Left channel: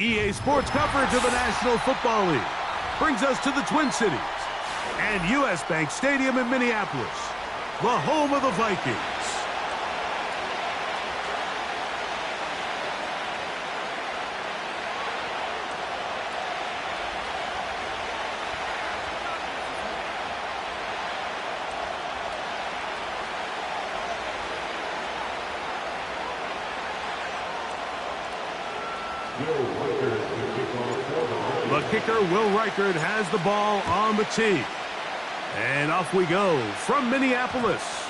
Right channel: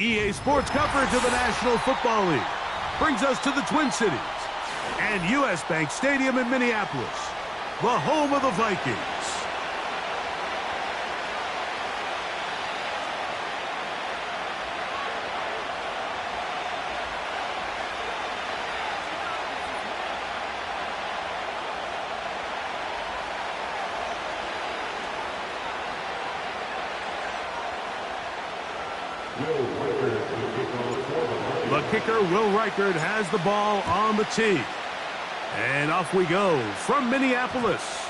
EA Sports coverage of the National Football League brings us to the Twin Cities and U.S. Bank Stadium in Minneapolis, the home of the Vikings. The kicker, Will Reichard, has the ball on the tee. And off we go from Minneapolis.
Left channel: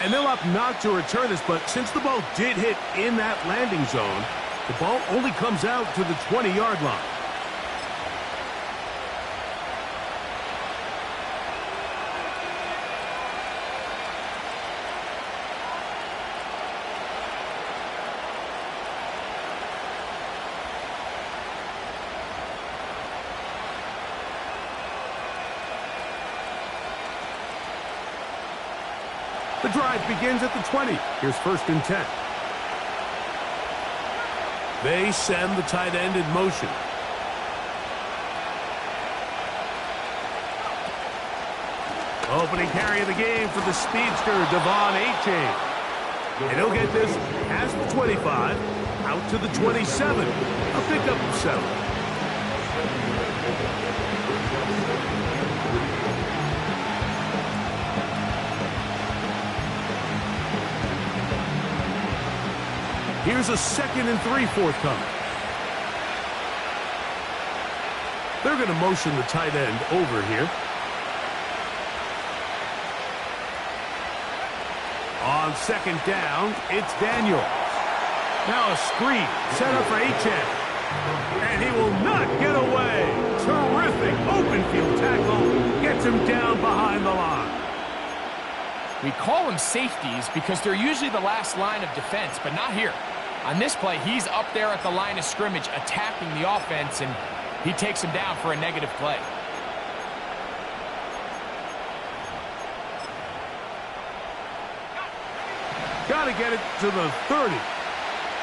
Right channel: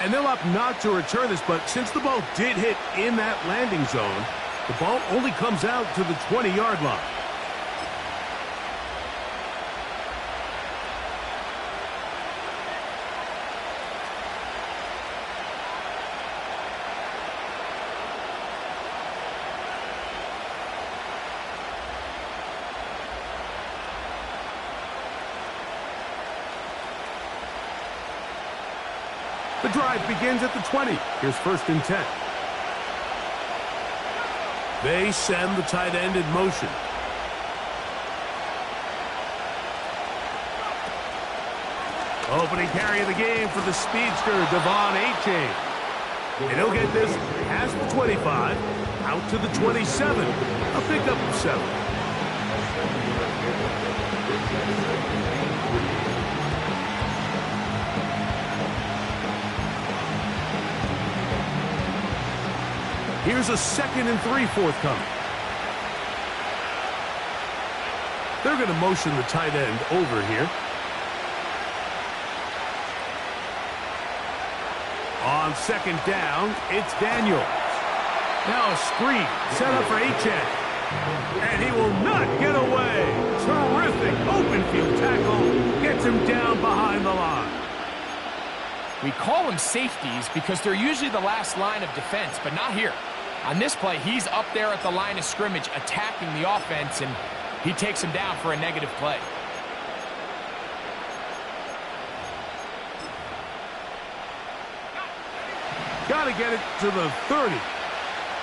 And they'll opt not to return this, but since the ball did hit in that landing zone, the ball only comes out to the 20-yard line. The drive begins at the 20. Here's 1st and 10. They send the tight end in motion. Opening carry of the game for the speedster, De'Von Achane. And he'll get this past the 25, out to the 27. A pickup of 7. Here's a 2nd and 3 forthcoming. They're going to motion the tight end over here. On 2nd down, it's Daniels. Now a screen set up for Achane. And he will not get away. Terrific open field tackle. Gets him down behind the line. We call them safeties because they're usually the last line of defense, but not here. On this play, he's up there at the line of scrimmage attacking the offense, and he takes him down for a negative play. Got to get it to the 30.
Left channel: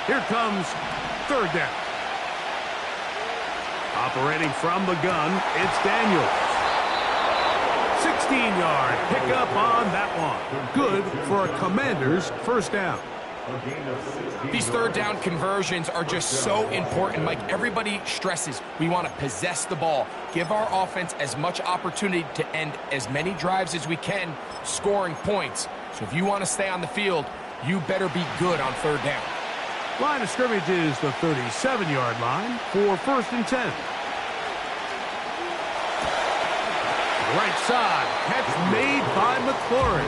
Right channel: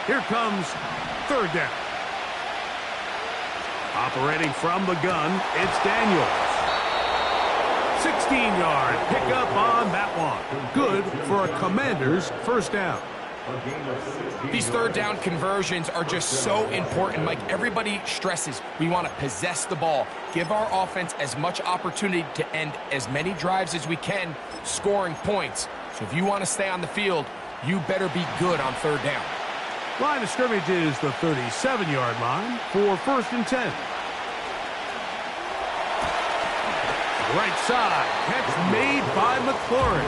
Here comes 3rd down. Operating from the gun, it's Daniels. 16-yard pickup on that one. Good for a Commander's 1st down. These 3rd down conversions are just so important, Mike. Everybody stresses we want to possess the ball, give our offense as much opportunity to end as many drives as we can, scoring points. So if you want to stay on the field, you better be good on 3rd down. Line of scrimmage is the 37-yard line for 1st and 10. Right side, catch made by McLaurin.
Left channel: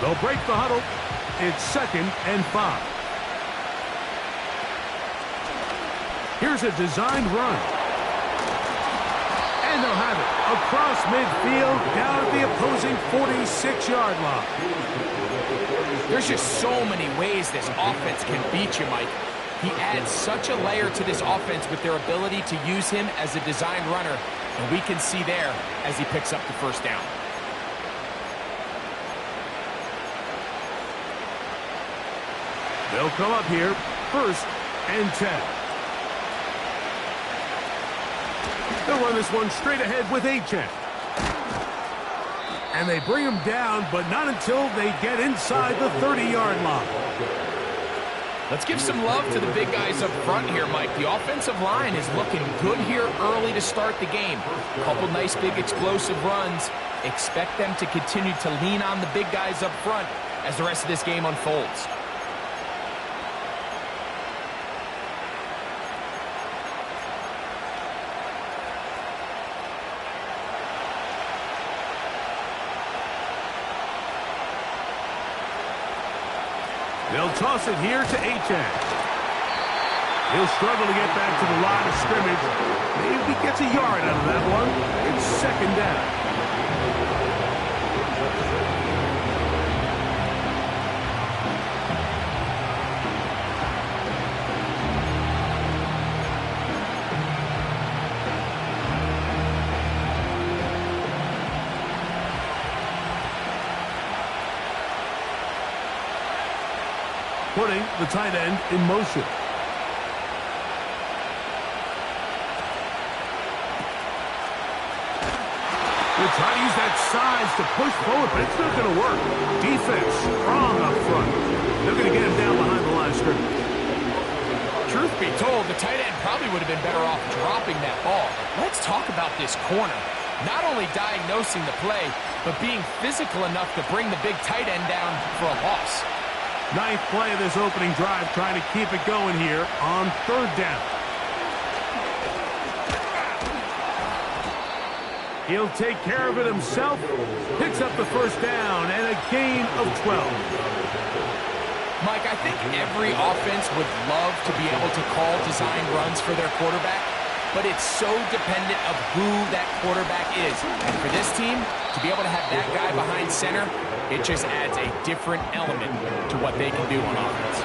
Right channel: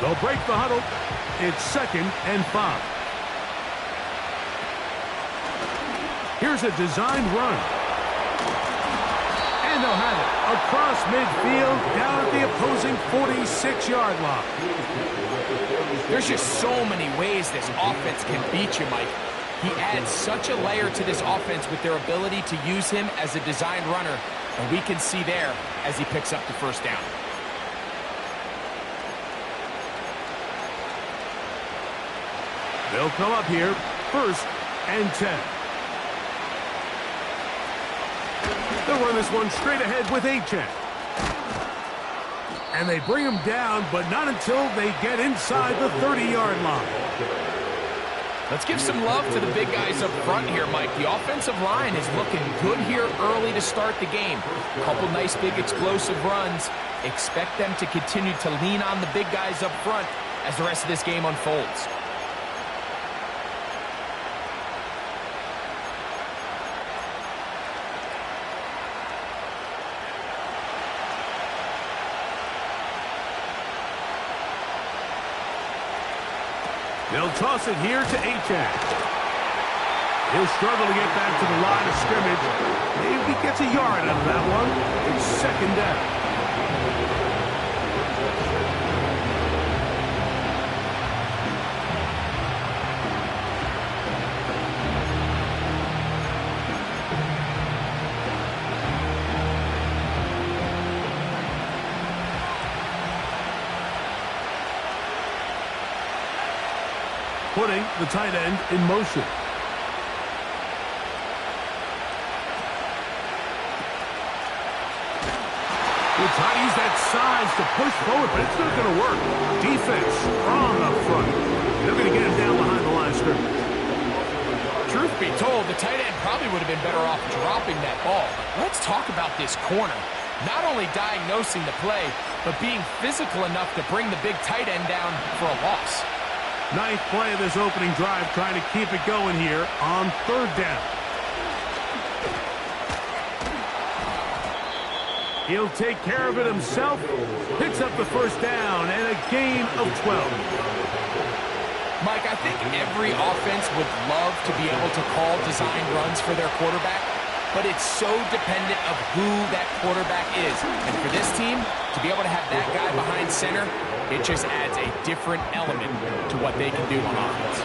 They'll break the huddle. It's 2nd and 5. Here's a designed run. And they'll have it across midfield down at the opposing 46-yard line. There's just so many ways this offense can beat you, Mike. He adds such a layer to this offense with their ability to use him as a designed runner, and we can see there as he picks up the 1st down. They'll come up here, 1st and 10. They'll run this one straight ahead with Achane. And they bring him down, but not until they get inside the 30-yard line. Let's give some love to the big guys up front here, Mike. The offensive line is looking good here early to start the game. A couple nice big explosive runs. Expect them to continue to lean on the big guys up front as the rest of this game unfolds. They'll toss it here to Achane. He'll struggle to get back to the line of scrimmage. Maybe gets a yard out of that one. It's 2nd down. putting the tight end in motion. They try to use that size to push forward, but it's not going to work. Defense strong up front. They're going to get him down behind the line of scrimmage. Truth be told, the tight end probably would have been better off dropping that ball. But let's talk about this corner. Not only diagnosing the play, but being physical enough to bring the big tight end down for a loss. Ninth play of this opening drive, trying to keep it going here on third down. He'll take care of it himself. Picks up the first down and a gain of 12. Mike, I think every offense would love to be able to call designed runs for their quarterback, but it's so dependent of who that quarterback is. And for this team, to be able to have that guy behind center, it just adds a different element to what they can do on offense.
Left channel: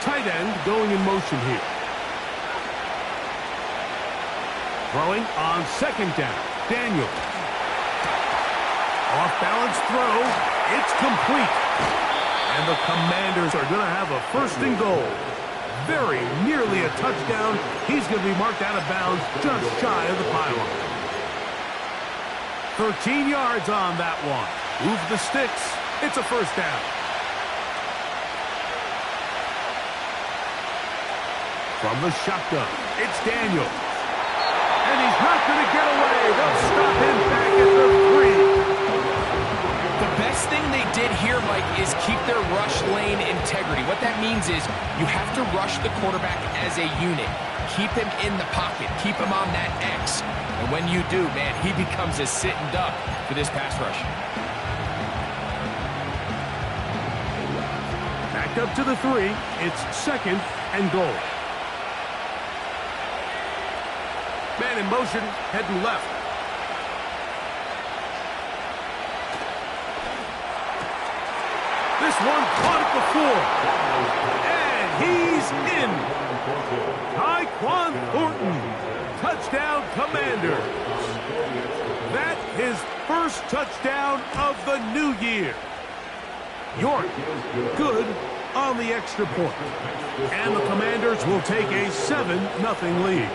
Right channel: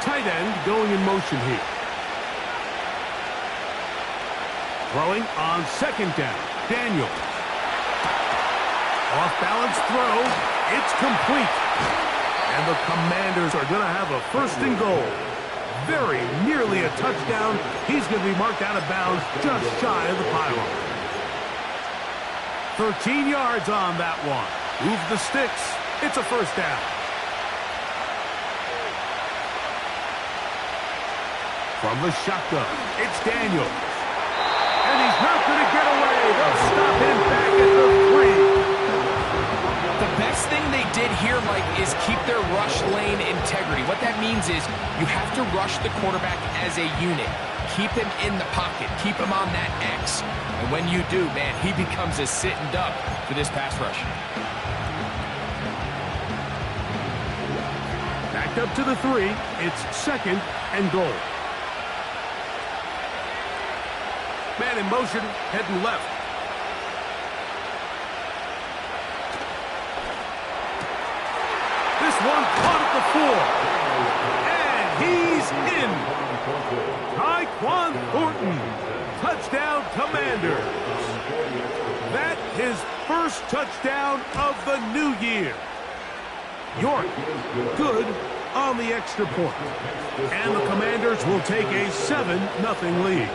Tight end going in motion here. Throwing on second down. Daniel. Off-balance throw. It's complete. And the Commanders are going to have a first and goal. Very nearly a touchdown. He's going to be marked out of bounds just shy of the pylon. 13 yards on that one. Move the sticks. It's a first down. From the shotgun, it's Daniel. And he's not going to get away. They'll stop him back at the 3. The best thing they did here, Mike, is keep their rush lane integrity. What that means is you have to rush the quarterback as a unit. Keep him in the pocket. Keep him on that X. And when you do, man, he becomes a sitting duck for this pass rush. Back up to the 3. It's second and goal. Man in motion, heading left. This one caught at the 4. And he's in. Tyquan Thornton. Touchdown, Commanders. That his first touchdown of the new year. York, good on the extra point. And the Commanders will take a 7-0 lead.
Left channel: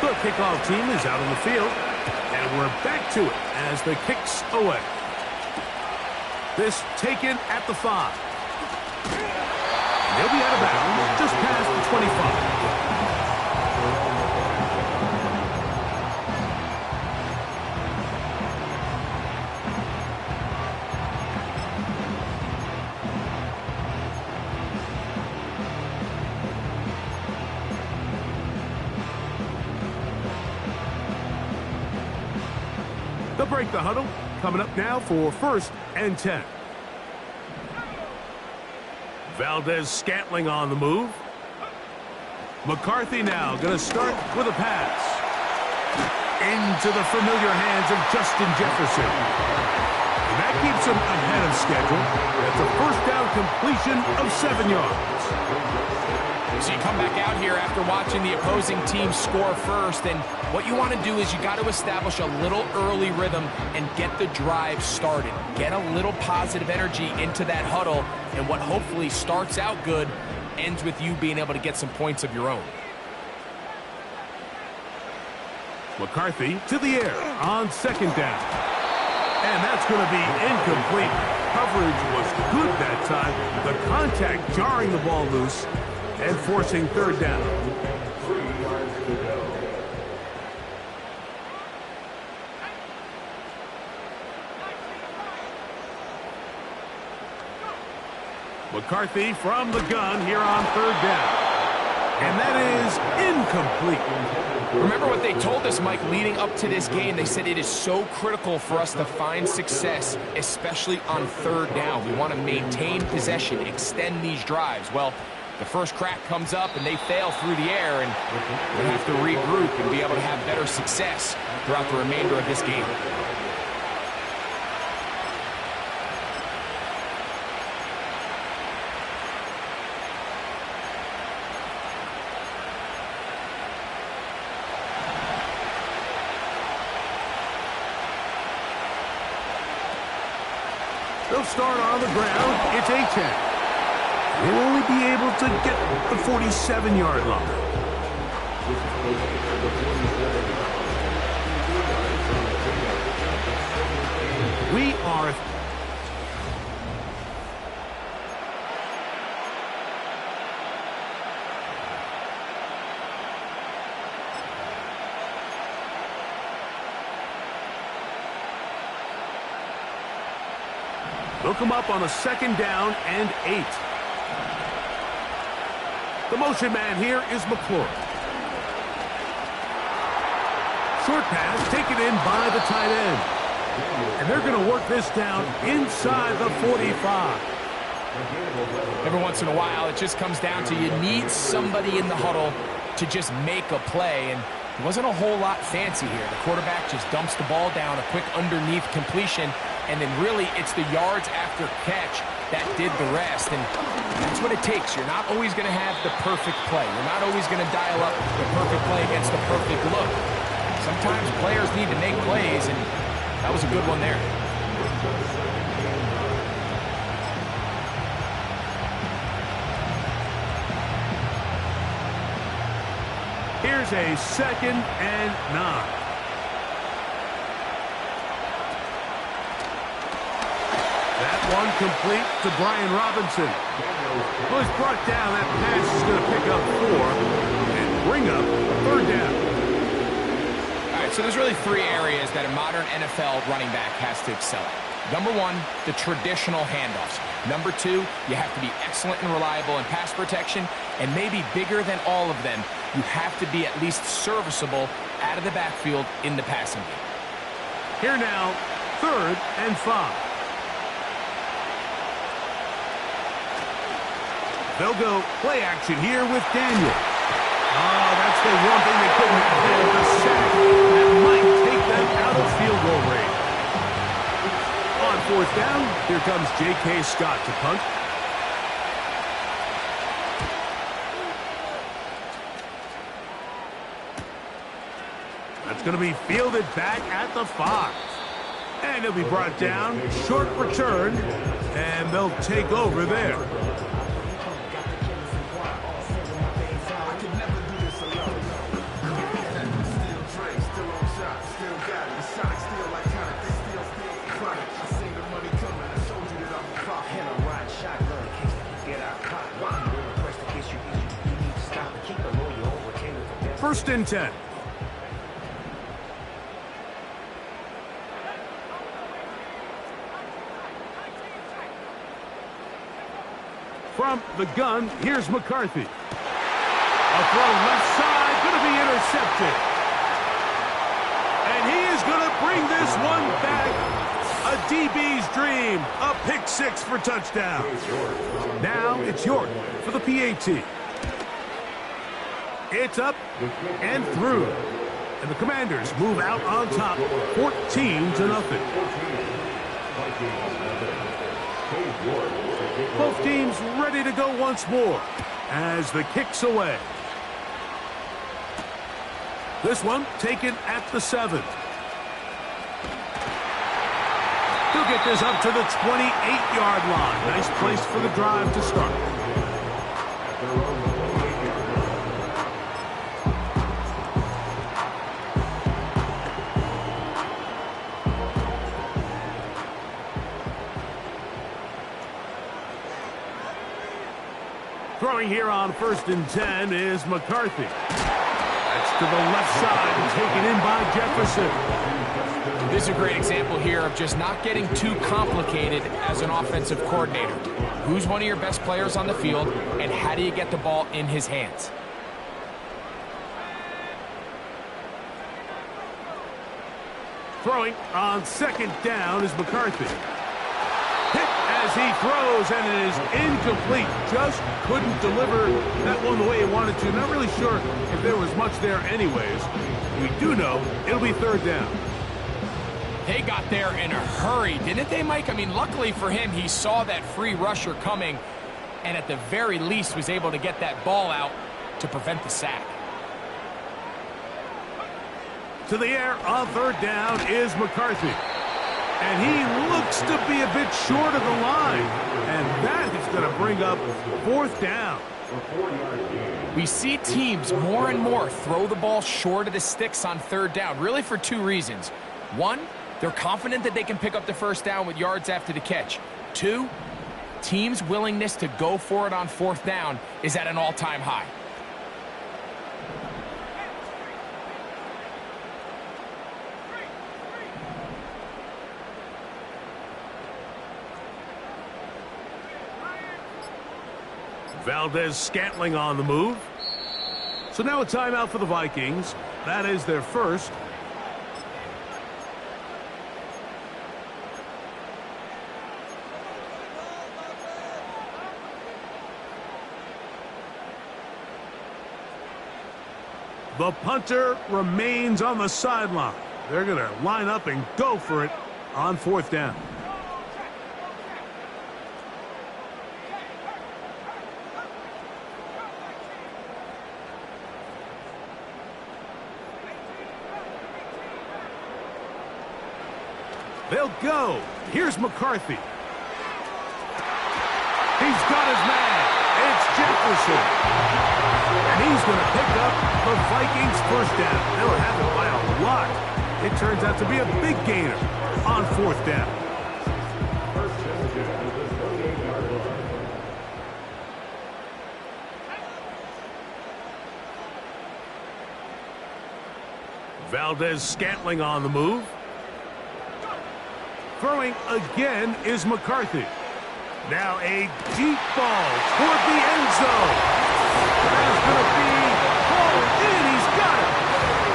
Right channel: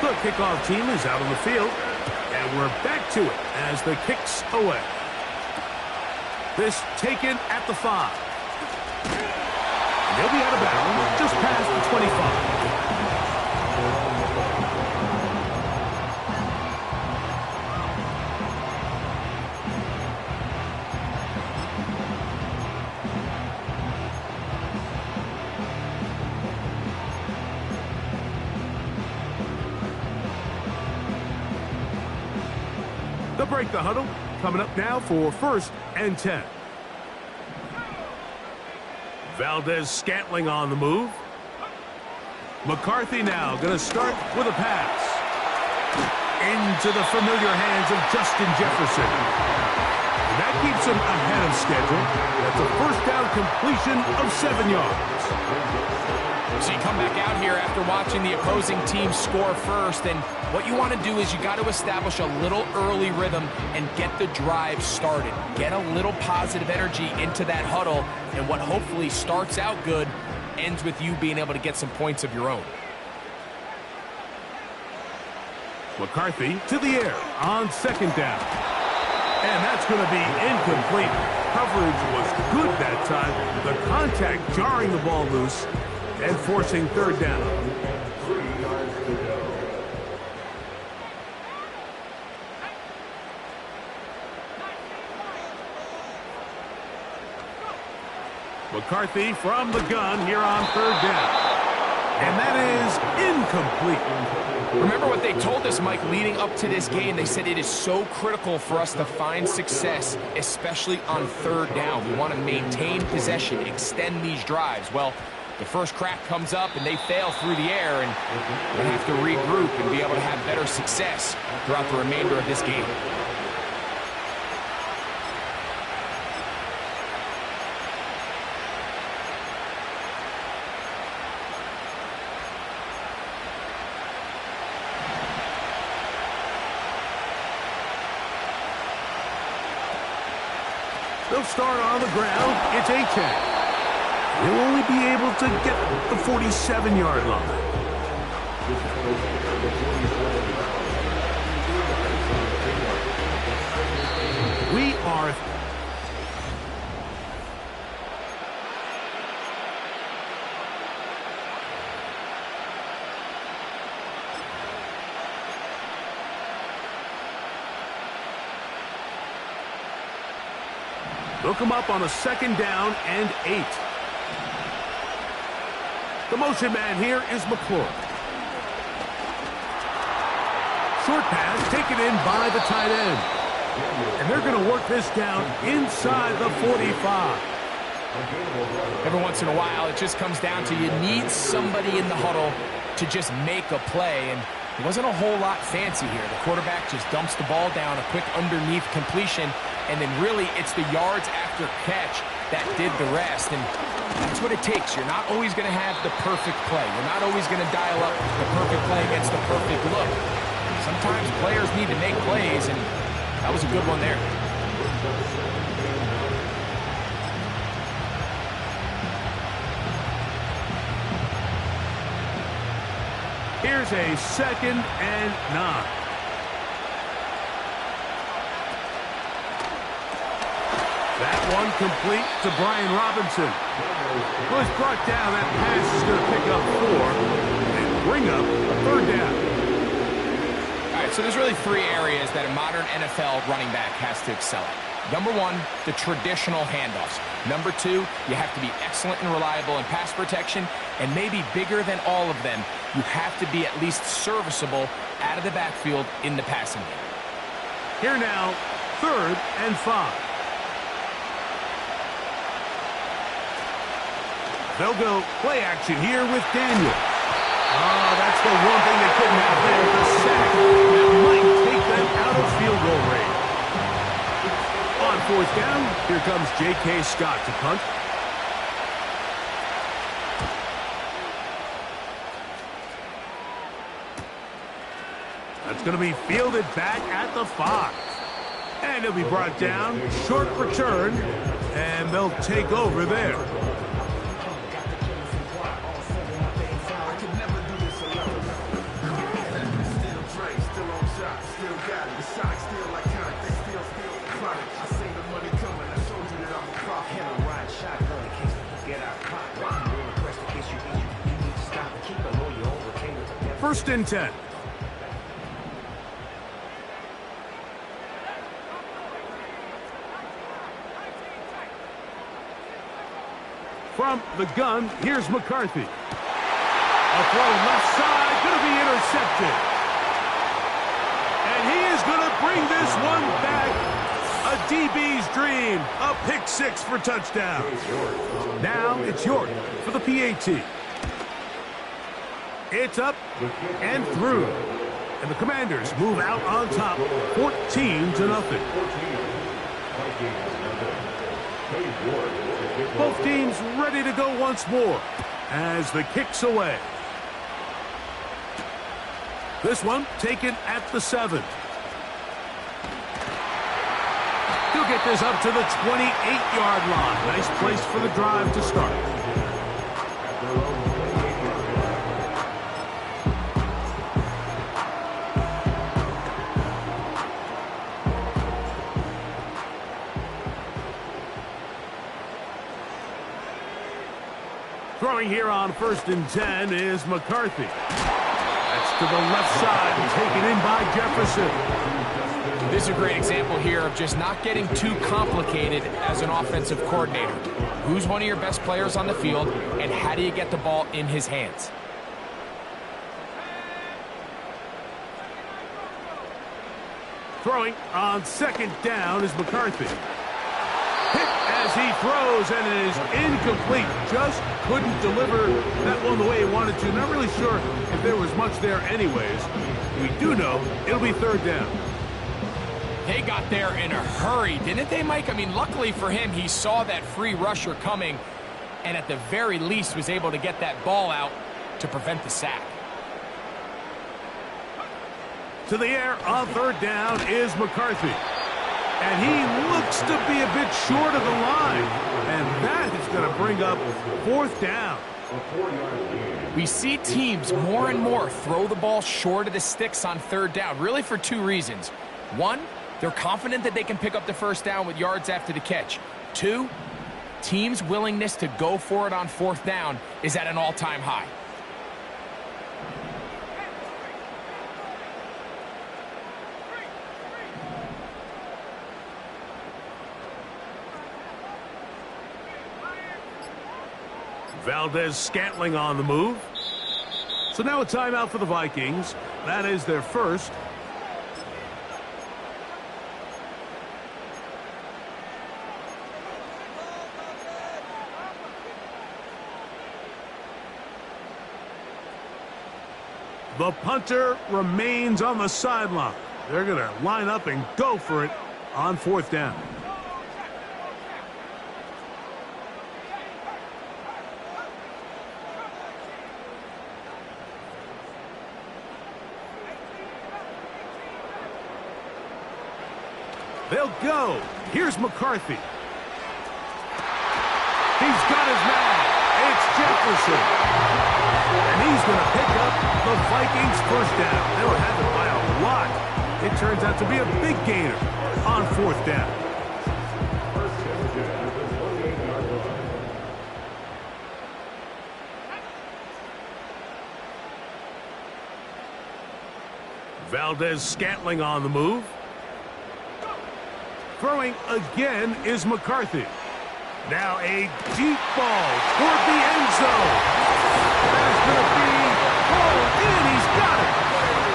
The kickoff team is out on the field, and we're back to it as the kick's away. This taken at the 5. And they'll be out of bounds just past the 25. They'll break the huddle. Coming up now for first and 10. Valdez-Scantling on the move. McCarthy now going to start with a pass. Into the familiar hands of Justin Jefferson. And that keeps him ahead of schedule. That's a first down completion of 7 yards. So you come back out here after watching the opposing team score first, and what you want to do is you got to establish a little early rhythm and get the drive started. Get a little positive energy into that huddle, and what hopefully starts out good ends with you being able to get some points of your own. McCarthy to the air on second down. And that's going to be incomplete. Coverage was good that time. The contact jarring the ball loose and forcing third down. 3 yards to go. McCarthy from the gun here on third down. And that is incomplete. Remember what they told us, Mike, leading up to this game. They said it is so critical for us to find success, especially on third down. We want to maintain possession, extend these drives. Well, the first crack comes up and they fail through the air, and we're going to have to regroup and be able to have better success throughout the remainder of this game. They'll start on the ground. It's A-10. They'll only be able to get the 47-yard line. We are... They'll come up on a 2nd down and 8. The motion man here is McClure. Short pass taken in by the tight end. And they're going to work this down inside the 45. Every once in a while, it just comes down to you need somebody in the huddle to just make a play. And it wasn't a whole lot fancy here. The quarterback just dumps the ball down, a quick underneath completion, and then really it's the yards after catch that did the rest. And that's what it takes. You're not always going to have the perfect play. You're not always going to dial up the perfect play against the perfect look. Sometimes players need to make plays, and that was a good one there. Here's a 2nd and 9. That one complete to Brian Robinson. Was brought down. That pass is going to pick up 4 and bring up a 3rd down. All right, so there's really 3 areas that a modern NFL running back has to excel at. Number 1, the traditional handoffs. Number 2, you have to be excellent and reliable in pass protection. And maybe bigger than all of them, you have to be at least serviceable out of the backfield in the passing game. Here now, 3rd and 5. They'll go play action here with Daniels. Oh, that's the one thing they couldn't have there, the sack that might take them out of field goal range. On 4th down, here comes J.K. Scott to punt. That's going to be fielded back at the 5. And it'll be brought down, short return, and they'll take over there. First and 10. From the gun, here's McCarthy. A throw left side, going to be intercepted. And he is going to bring this one back. A DB's dream. A pick 6 for touchdown. Now it's York for the PAT. It's up and through. And the Commanders move out on top, 14-0. Both teams ready to go once more as the kick's away. This one taken at the 7. He'll get this up to the 28-yard line. Nice place for the drive to start. Throwing here on 1st and 10 is McCarthy. That's to the left side and taken in by Jefferson. This is a great example here of just not getting too complicated as an offensive coordinator. Who's one of your best players on the field, and how do you get the ball in his hands? Throwing on 2nd down is McCarthy. Hit as he throws, and it is incomplete. Just couldn't deliver that one the way he wanted to. Not really sure if there was much there anyways. We do know it'll be 3rd down. They got there in a hurry, didn't they, Mike? I mean, luckily for him, he saw that free rusher coming, and at the very least was able to get that ball out to prevent the sack. To the air on 3rd down is McCarthy. And he looks to be a bit short of the line. And that is going to bring up fourth down. We see teams more and more throw the ball short of the sticks on third down, really for two reasons. One, they're confident that they can pick up the first down with yards after the catch. Two, teams' willingness to go for it on fourth down is at an all-time high. Valdes-Scantling on the move. So now a timeout for the Vikings. That is their first. The punter remains on the sideline. They're going to line up and go for it on fourth down. They'll go. Here's McCarthy. He's got his man. It's Jefferson. And he's going to pick up the Vikings' first down. They'll have it by a lot. It turns out to be a big gainer on fourth down. Valdes-Scantling on the move. Throwing again is McCarthy. Now a deep ball toward the end zone. That is going to be hauled in. He's got it.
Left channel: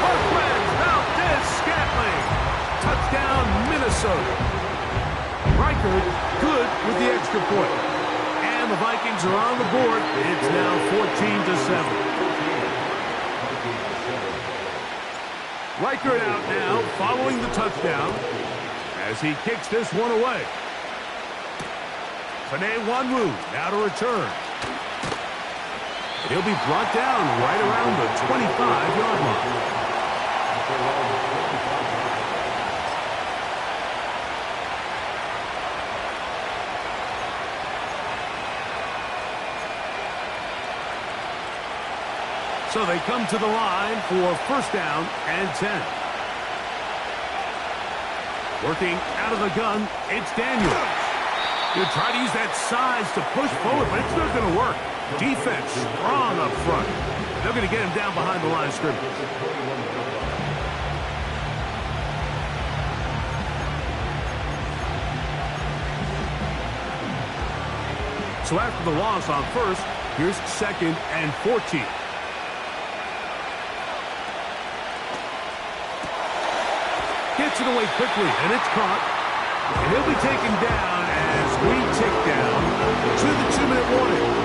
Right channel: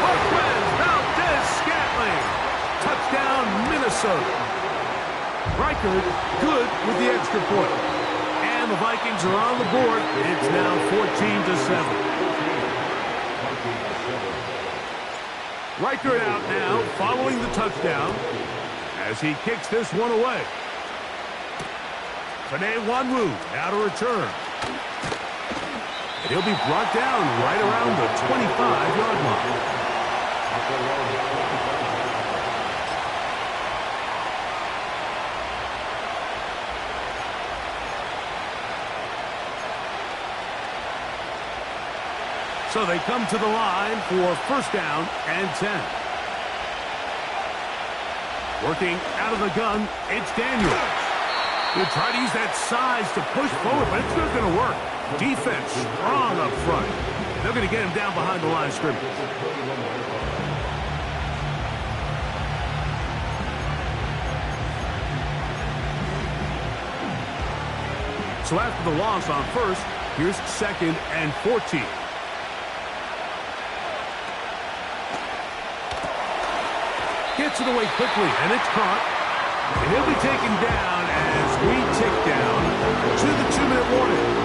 Marquez Valdes-Scantling. Touchdown, Minnesota. Reichard good with the extra point. And the Vikings are on the board. It's now 14-7. Reichard out now following the touchdown as he kicks this one away. Penei Nwanwu now to return. And he'll be brought down right around the 25-yard line. So they come to the line for first down and 10. Working out of the gun, it's Daniels. He'll try to use that size to push forward, but it's not going to work. Defense strong up front. They're going to get him down behind the line of scrimmage. So after the loss on first, here's second and 14. Gets it away quickly, and it's caught. And he'll be taken down as we tick down to the 2-minute warning.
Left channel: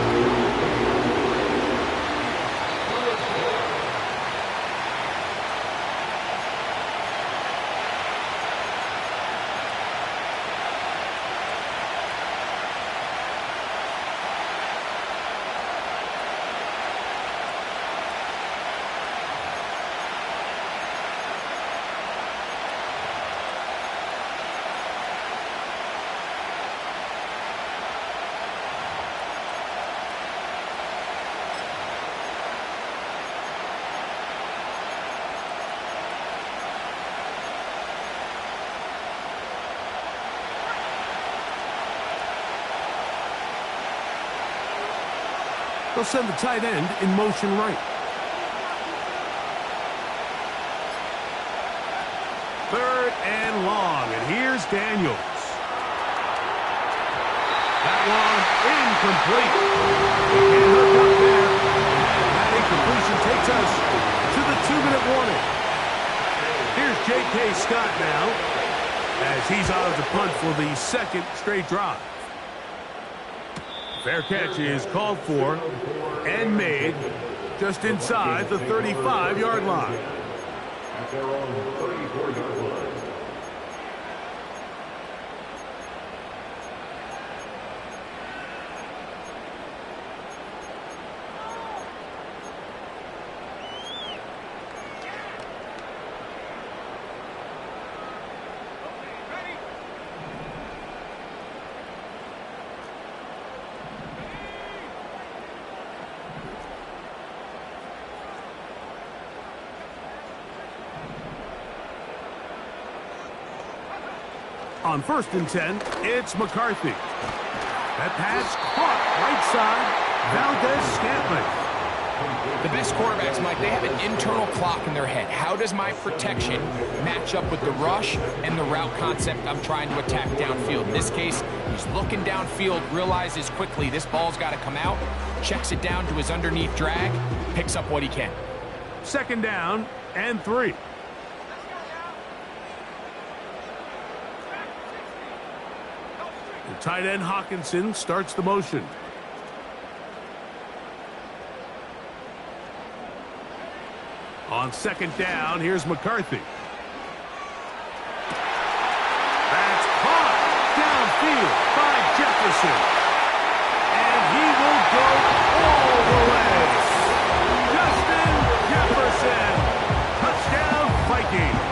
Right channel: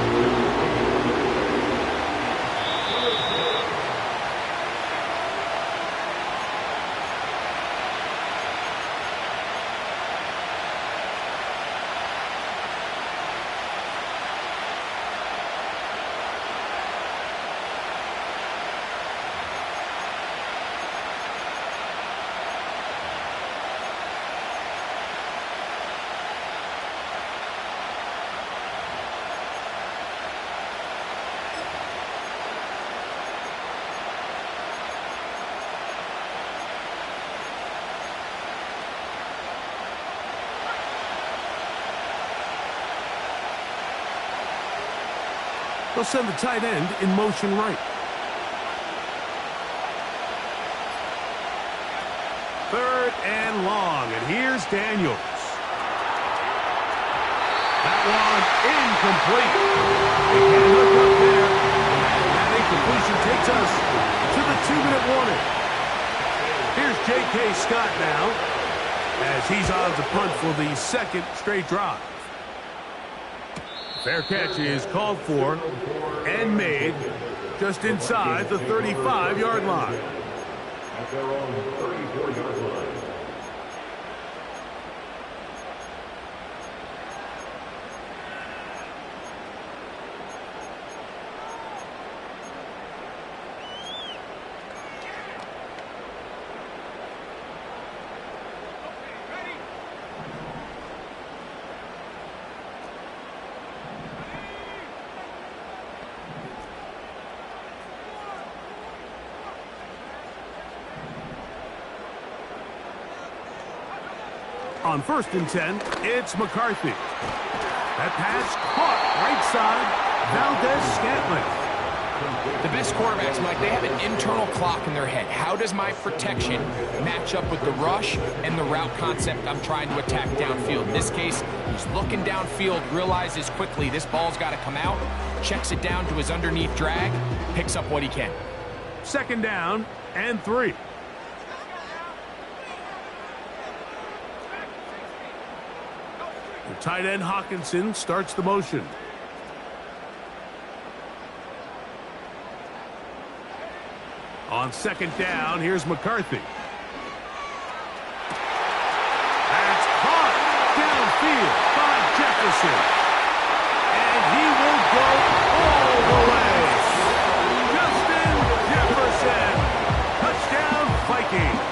They'll send the tight end in motion right. Third and long, and here's Daniels. That one incomplete. He can't hook up there. And that incompletion takes us to the 2-minute warning. Here's J.K. Scott now as he's on to punt for the second straight drive. Fair catch is called for and made just inside the 35-yard line. At their own 34-yard line. On 1st and 10, it's McCarthy. That pass caught right side, Valdez-Scantling. The best quarterbacks, Mike, they have an internal clock in their head. How does my protection match up with the rush and the route concept I'm trying to attack downfield? In this case, he's looking downfield, realizes quickly this ball's got to come out, checks it down to his underneath drag, picks up what he can. 2nd down and 3. The tight end Hawkinson starts the motion. On 2nd down, here's McCarthy. That's caught downfield by Jefferson. And he will go all the way. Justin Jefferson. Touchdown, Vikings.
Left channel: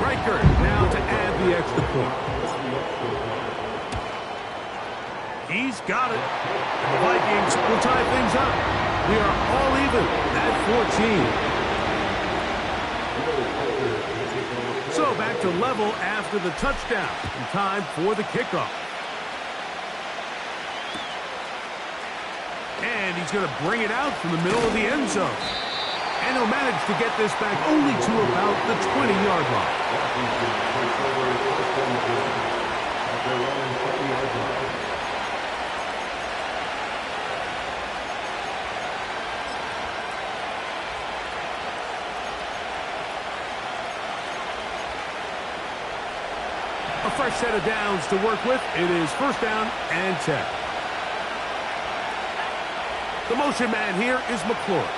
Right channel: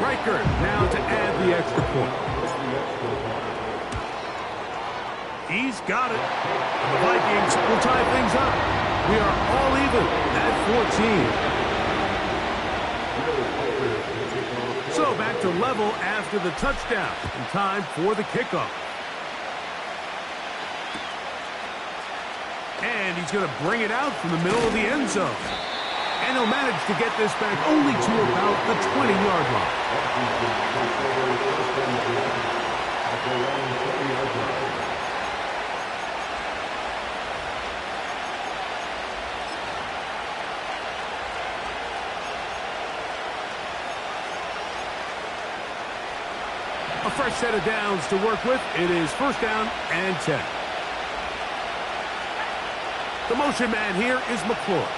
Riker now to add the extra point. He's got it. And the Vikings will tie things up. We are all even at 14. So back to level after the touchdown. And time for the kickoff. And he's going to bring it out from the middle of the end zone. And he'll manage to get this back only to about the 20-yard line. A fresh set of downs to work with. It is 1st down and 10. The motion man here is McClure.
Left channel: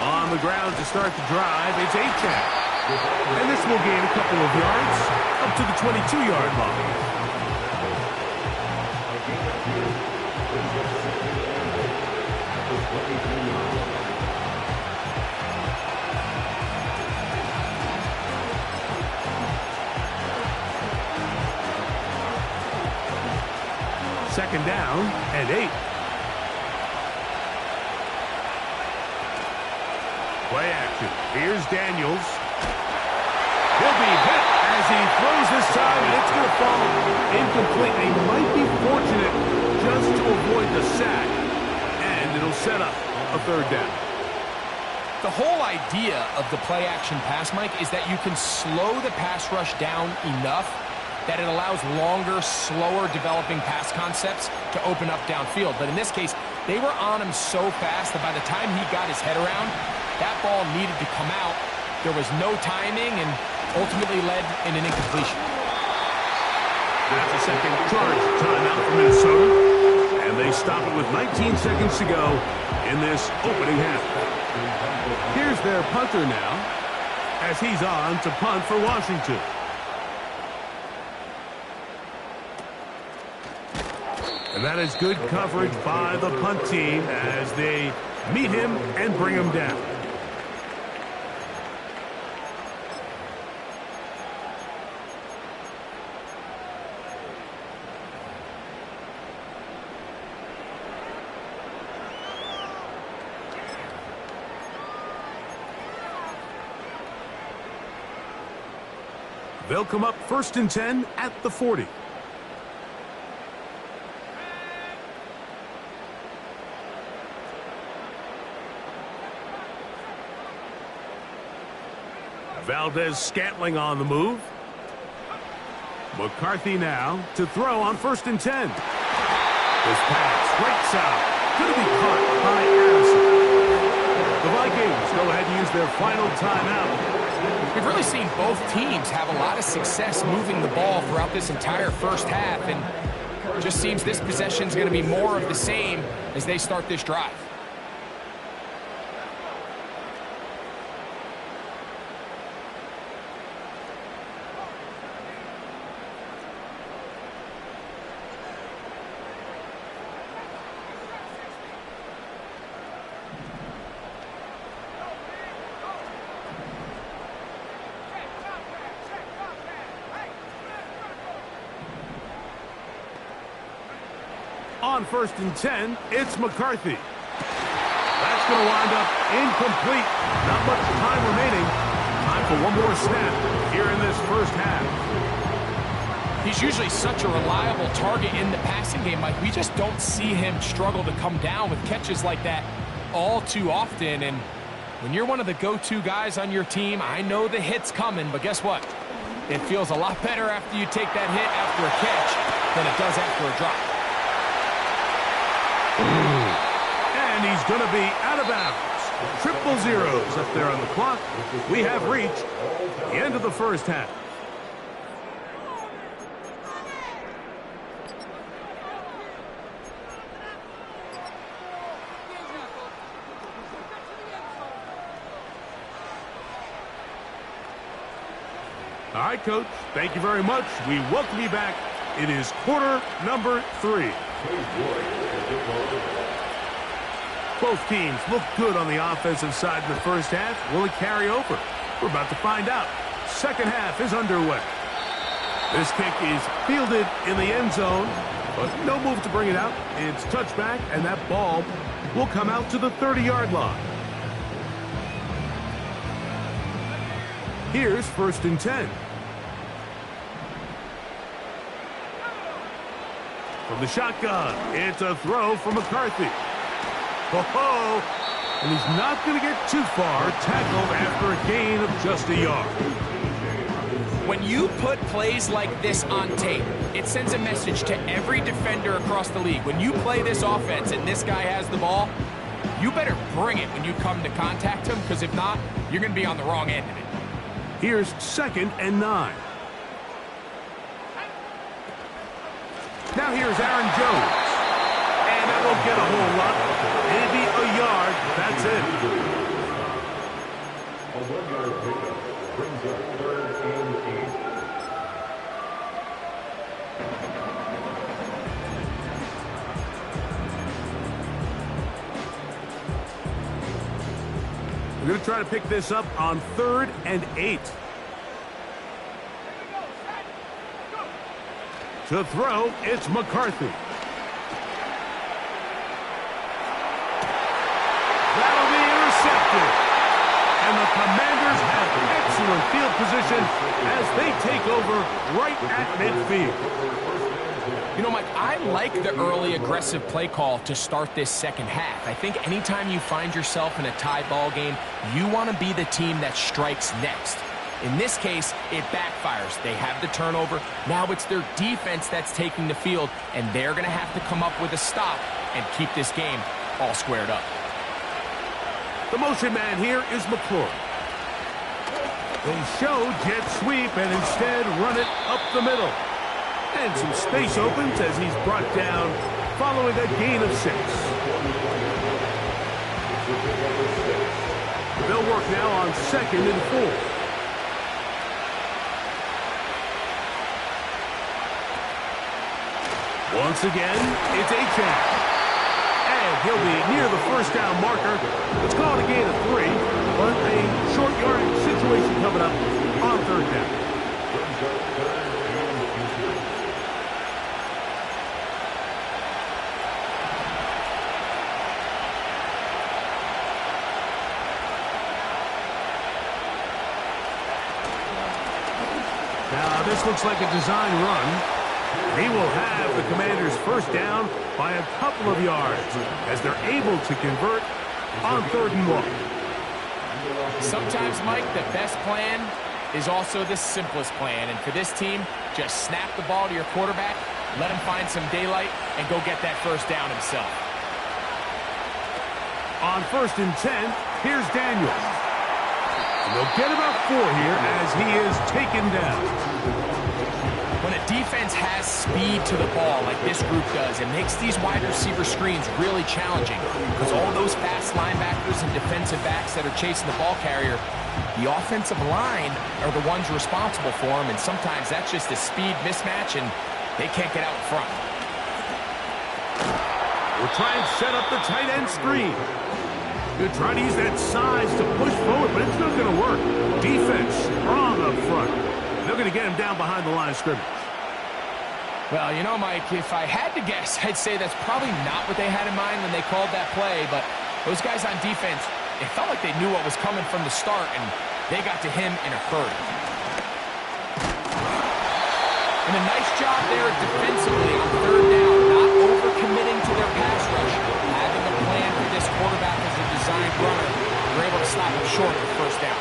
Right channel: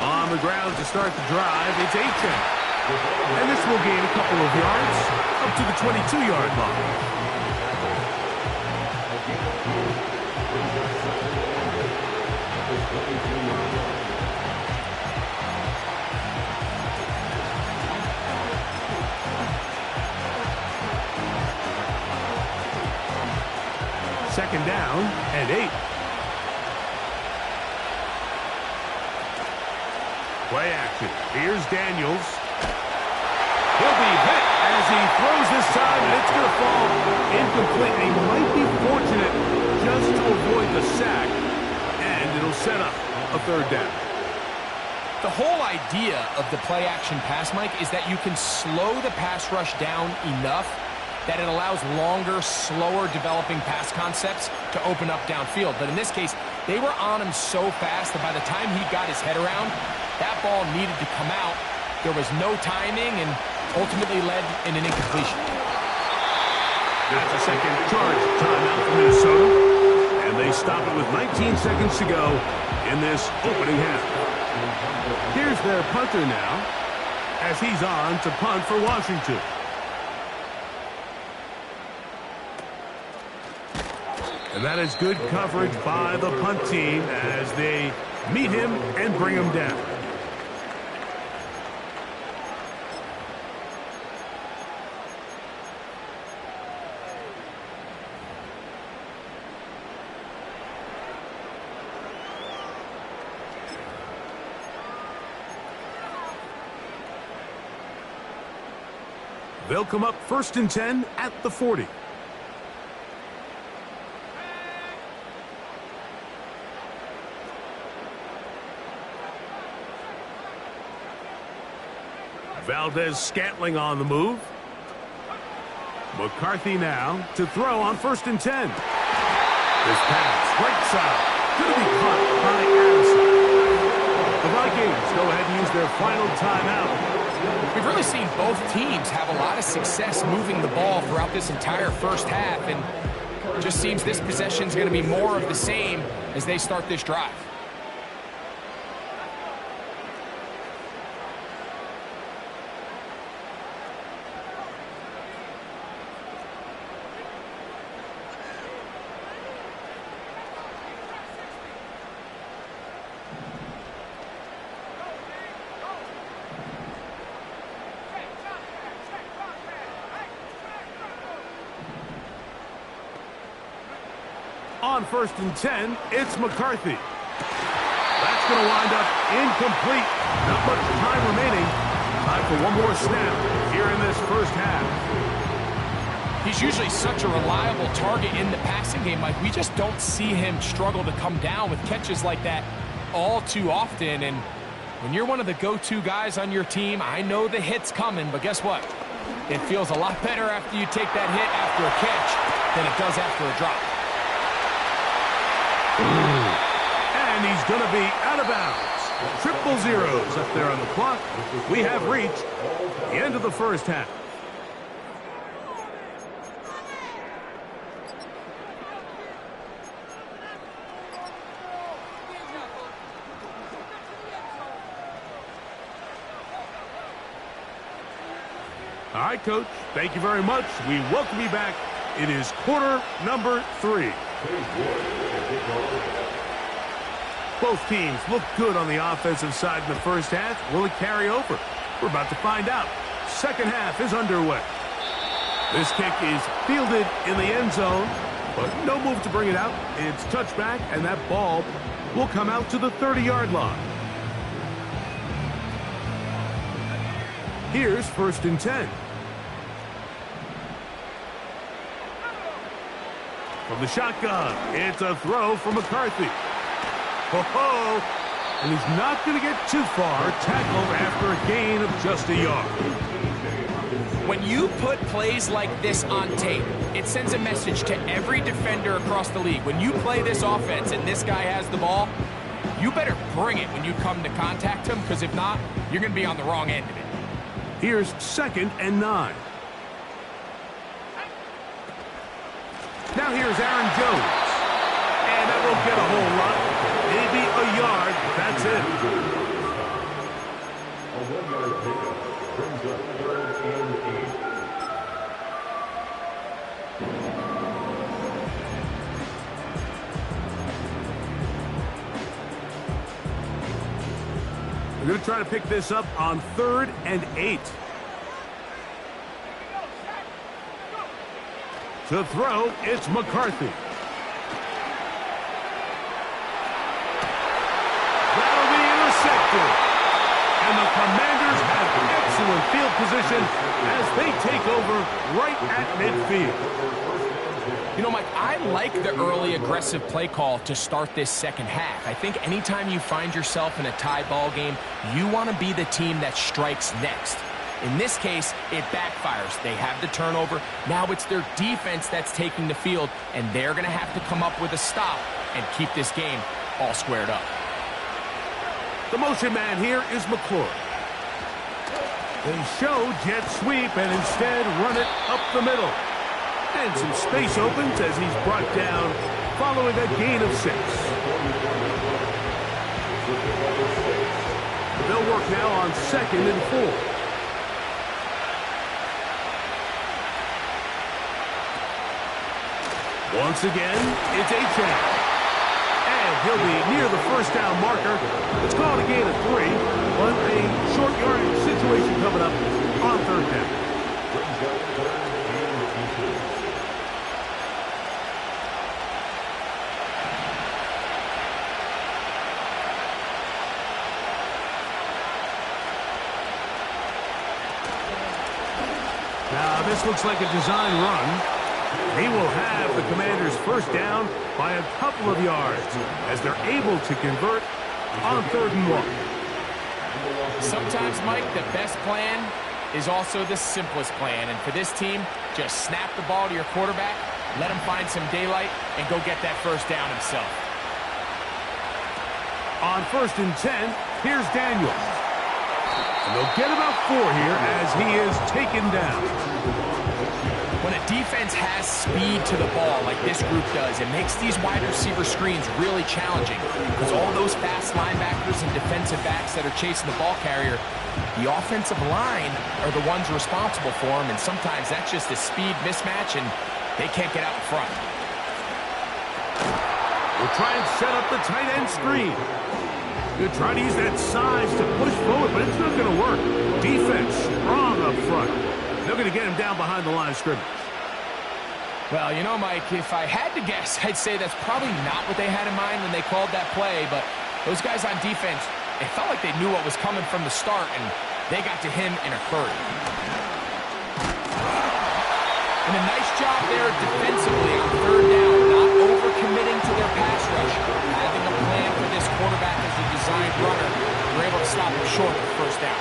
On the ground to start the drive, it's Achane. And this will gain a couple of yards up to the 22-yard line. Second down and 8. Play action. Here's Daniels. He'll be hit as he throws this time, and it's going to fall incomplete. He might be fortunate just to avoid the sack, and it'll set up a 3rd down. The whole idea of the play action pass, Mike, is that you can slow the pass rush down enough that it allows longer, slower developing pass concepts to open up downfield. But in this case, they were on him so fast that by the time he got his head around, that ball needed to come out. There was no timing and ultimately led in an incompletion. That's a second charge timeout for Minnesota. And they stop it with 19 seconds to go in this opening half. Here's their punter now as he's on to punt for Washington. And that is good coverage by the punt team as they meet him and bring him down. They'll come up 1st and 10 at the 40. Valdez-Scantling on the move. McCarthy now to throw on 1st and 10. This pass, right side, going to be caught by Addison. The Vikings go ahead and use their final timeout. We've really seen both teams have a lot of success moving the ball throughout this entire first half, and it just seems this possession is going to be more of the same as they start this drive. On 1st and 10, it's McCarthy. That's going to wind up incomplete. Not much time remaining. time for one more snap here in this first half. He's usually such a reliable target in the passing game, Mike. We just don't see him struggle to come down with catches like that all too often. And when you're one of the go-to guys on your team, I know the hit's coming, but guess what? It feels a lot better after you take that hit after a catch than it does after a drop. And he's going to be out of bounds. Triple zeros up there on the clock. We have reached the end of the first half. All right, Coach, thank you very much. We welcome you back. It is quarter number 3. Both teams look good on the offensive side in the first half. Will it carry over? We're about to find out. Second half is underway. This kick is fielded in the end zone, but no move to bring it out. It's touchback, and that ball will come out to the 30-yard line. Here's 1st and 10. From the shotgun, it's a throw from McCarthy. Ho-ho! And he's not going to get too far, tackled after a gain of just a yard. When you put plays like this on tape, it sends a message to every defender across the league. When you play this offense and this guy has the ball, you better bring it when you come to contact him, because if not, you're going to be on the wrong end of it. Here's 2nd and 9. Now here's Aaron Jones. And that won't get a whole lot. Maybe a yard. That's it. A 1-yard pickup brings up 3rd and 8. We're going to try to pick this up on 3rd and 8. To throw, it's McCarthy. That'll be intercepted. And the Commanders have excellent field position as they take over right at midfield. You know, Mike, I like the early aggressive play call to start this second half. I think anytime you find yourself in a tie ball game, you want to be the team that strikes next. In this case, it backfires. They have the turnover. Now it's their defense that's taking the field, and they're going to have to come up with a stop and keep this game all squared up. The motion man here is McClure. They show jet sweep and instead run it up the middle. And some space opens as he's brought down following a gain of 6. They'll work now on 2nd and 4. Once again, it's Achane. And he'll be near the first down marker. It's called a gain of 3, but a short yardage situation coming up on 3rd down. Now, this looks like a design run. He will have the Commanders' first down by a couple of yards as they're able to convert on 3rd and 1. Sometimes, Mike, the best plan is also the simplest plan. And for this team, just snap the ball to your quarterback, let him find some daylight, and go get that first down himself. On 1st and 10, here's Daniels. And they'll get about 4 here as he is taken down. When a defense has speed to the ball like this group does, it makes these wide receiver screens really challenging because all those fast linebackers and defensive backs that are chasing the ball carrier, the offensive line are the ones responsible for them, and sometimes that's just a speed mismatch, and they can't get out in front. We'll try and set up the tight end screen. They're trying to use that size to push forward, but it's not going to work. Defense strong up front. They're going to get him down behind the line of scrimmage. Well, you know, Mike, if I had to guess, I'd say that's probably not what they had in mind when they called that play, but those guys on defense, it felt like they knew what was coming from the start, and They got to him in a hurry. And a nice job there defensively on third down, not overcommitting to their pass rush. Having a plan for this quarterback as a designed runner, they're able to stop him short of first down.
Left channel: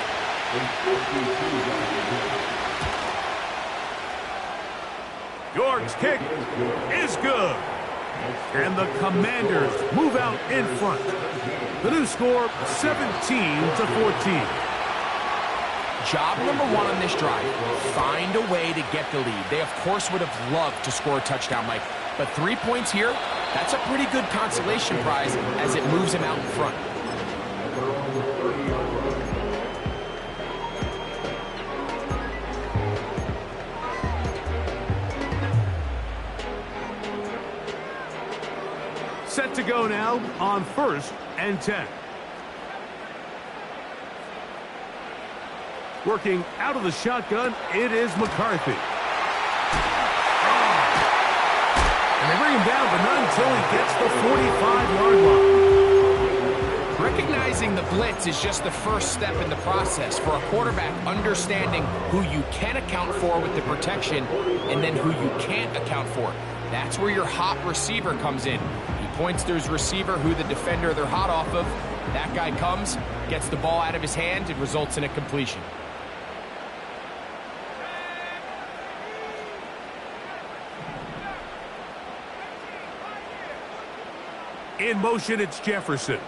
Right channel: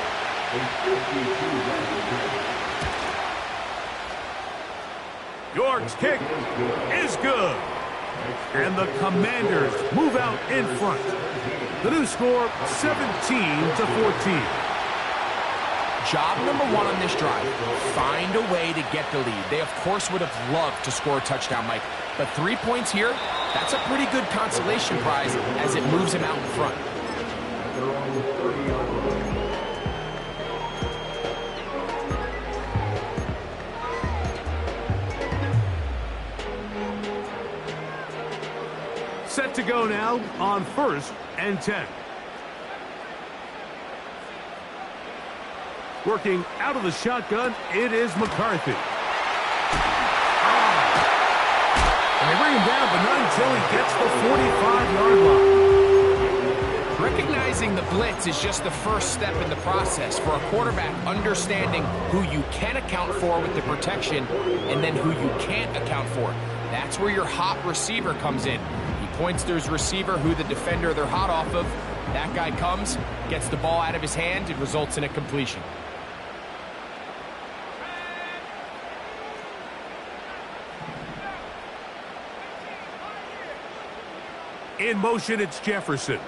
York's kick is good. And the Commanders move out in front. The new score, 17-14. Job number one on this drive, find a way to get the lead. They, of course, would have loved to score a touchdown, Mike. But 3 points here, that's a pretty good consolation prize as it moves him out in front. Set to go now on 1st and 10. Working out of the shotgun, it is McCarthy. And they bring him down, but not until he gets the 45-yard line. Recognizing the blitz is just the first step in the process for a quarterback understanding who you can account for with the protection and then who you can't account for. That's where your hot receiver comes in. He points to his receiver who the defender they're hot off of. That guy comes, gets the ball out of his hand, and results in a completion. In motion, it's Jefferson.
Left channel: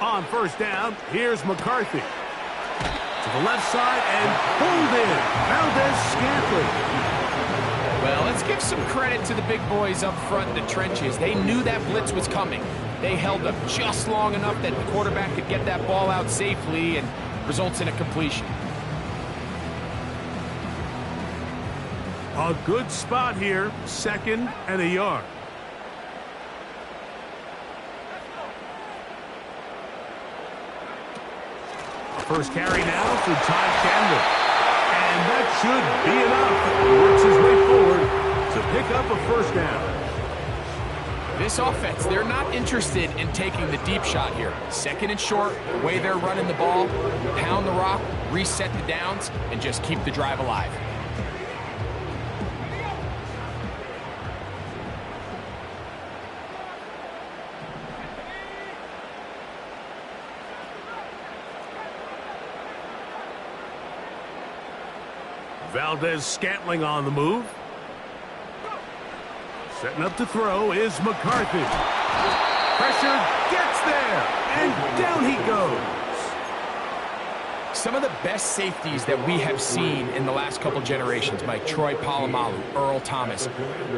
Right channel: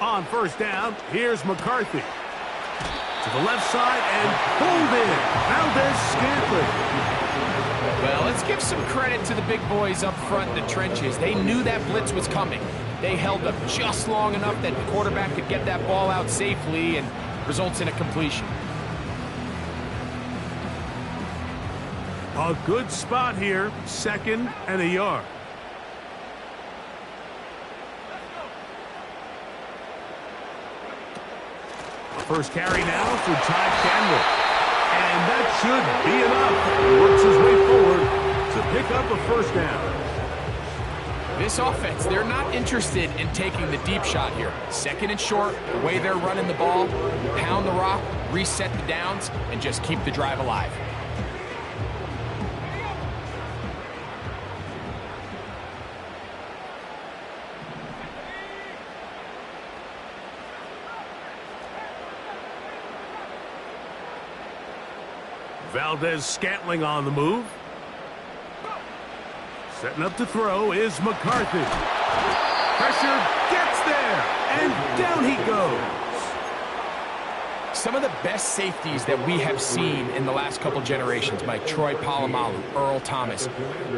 On 1st down, here's McCarthy. To the left side and pulled in. Valdez-Scantling. Well, let's give some credit to the big boys up front in the trenches. They knew that blitz was coming. They held up just long enough that the quarterback could get that ball out safely and results in a completion. A good spot here, 2nd and a yard. First carry now for Ty Chandler. And that should be enough. He works his way forward to pick up a 1st down. This offense, they're not interested in taking the deep shot here. 2nd and short, the way they're running the ball, pound the rock, reset the downs, and just keep the drive alive. Valdez-Scantling on the move. Setting up to throw is McCarthy. Pressure gets there, and down he goes. Some of the best safeties that we have seen in the last couple generations, Mike, Troy Polamalu, Earl Thomas,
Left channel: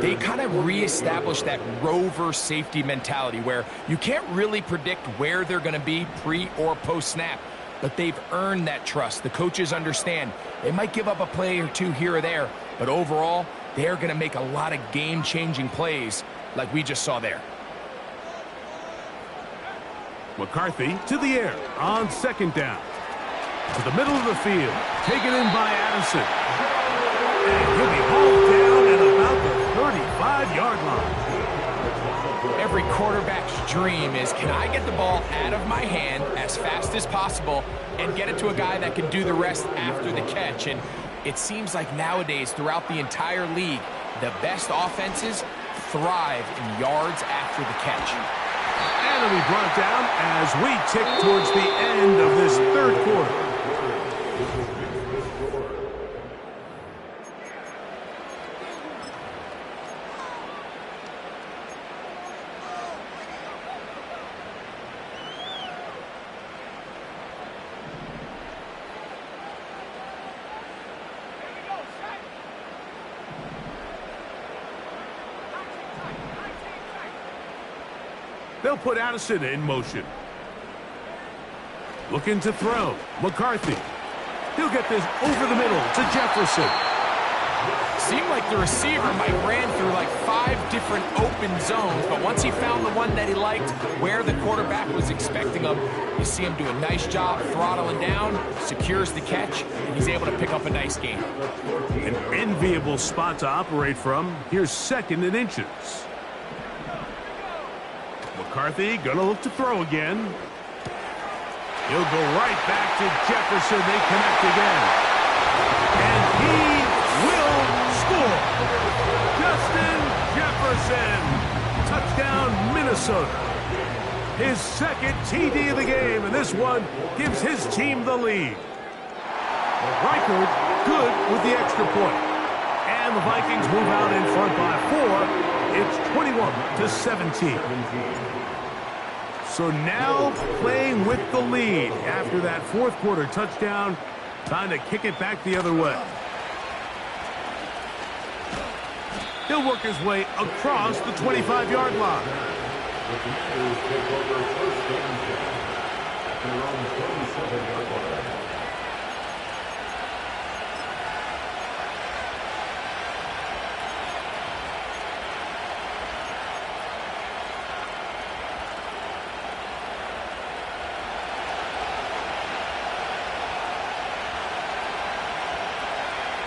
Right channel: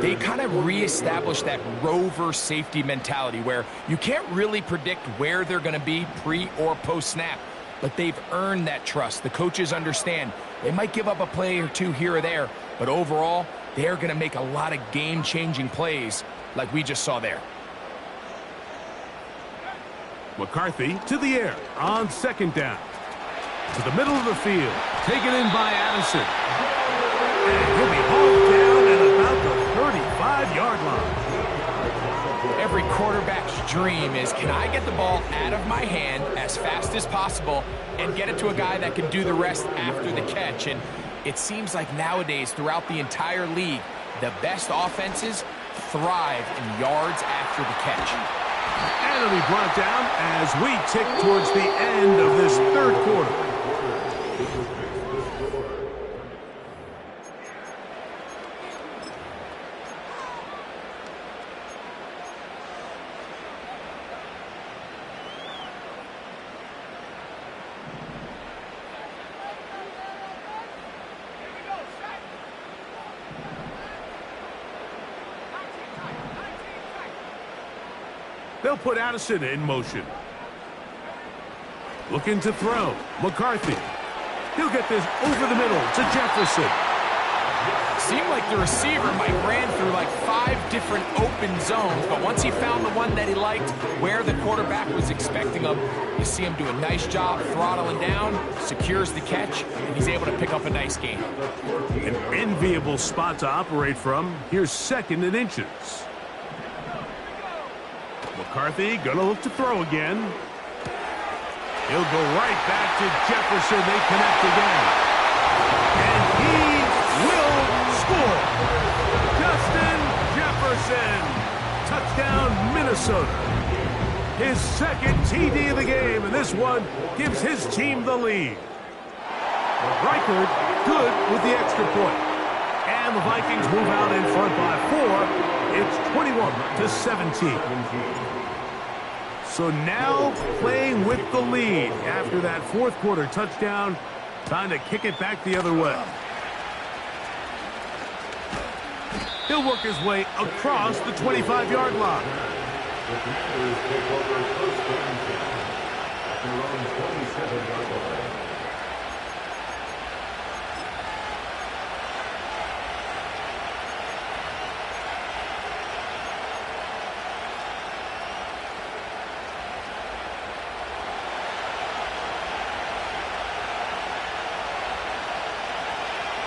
they kind of reestablished that rover safety mentality where you can't really predict where they're going to be pre or post snap. But they've earned that trust. The coaches understand they might give up a play or two here or there, but overall, they're going to make a lot of game-changing plays like we just saw there. McCarthy to the air on 2nd down. To the middle of the field, taken in by Addison. And he'll be hauled down at about the 35-yard line. Every quarterback's dream is, can I get the ball out of my hand as fast as possible and get it to a guy that can do the rest after the catch? And it seems like nowadays, throughout the entire league, the best offenses thrive in yards after the catch. And it'll be brought down as we tick towards the end of this 3rd quarter. They'll put Addison in motion. Looking to throw. McCarthy. He'll get this over the middle to Jefferson. Seemed like the receiver might ran through like 5 different open zones, but once he found the one that he liked, where the quarterback was expecting him, you see him do a nice job throttling down, secures the catch, and he's able to pick up a nice gain. An enviable spot to operate from. Here's 2nd and inches. McCarthy gonna look to throw again. He'll go right back to Jefferson. They connect again. And he will score. Justin Jefferson. Touchdown, Minnesota. His second TD of the game, and this one gives his team the lead. Reichard good with the extra point. And the Vikings move out in front by 4. It's 21-17. So now playing with the lead after that fourth quarter touchdown. Time to kick it back the other way. He'll work his way across the 25-yard line. The Commanders take over first and 10 at their own 27-yard line.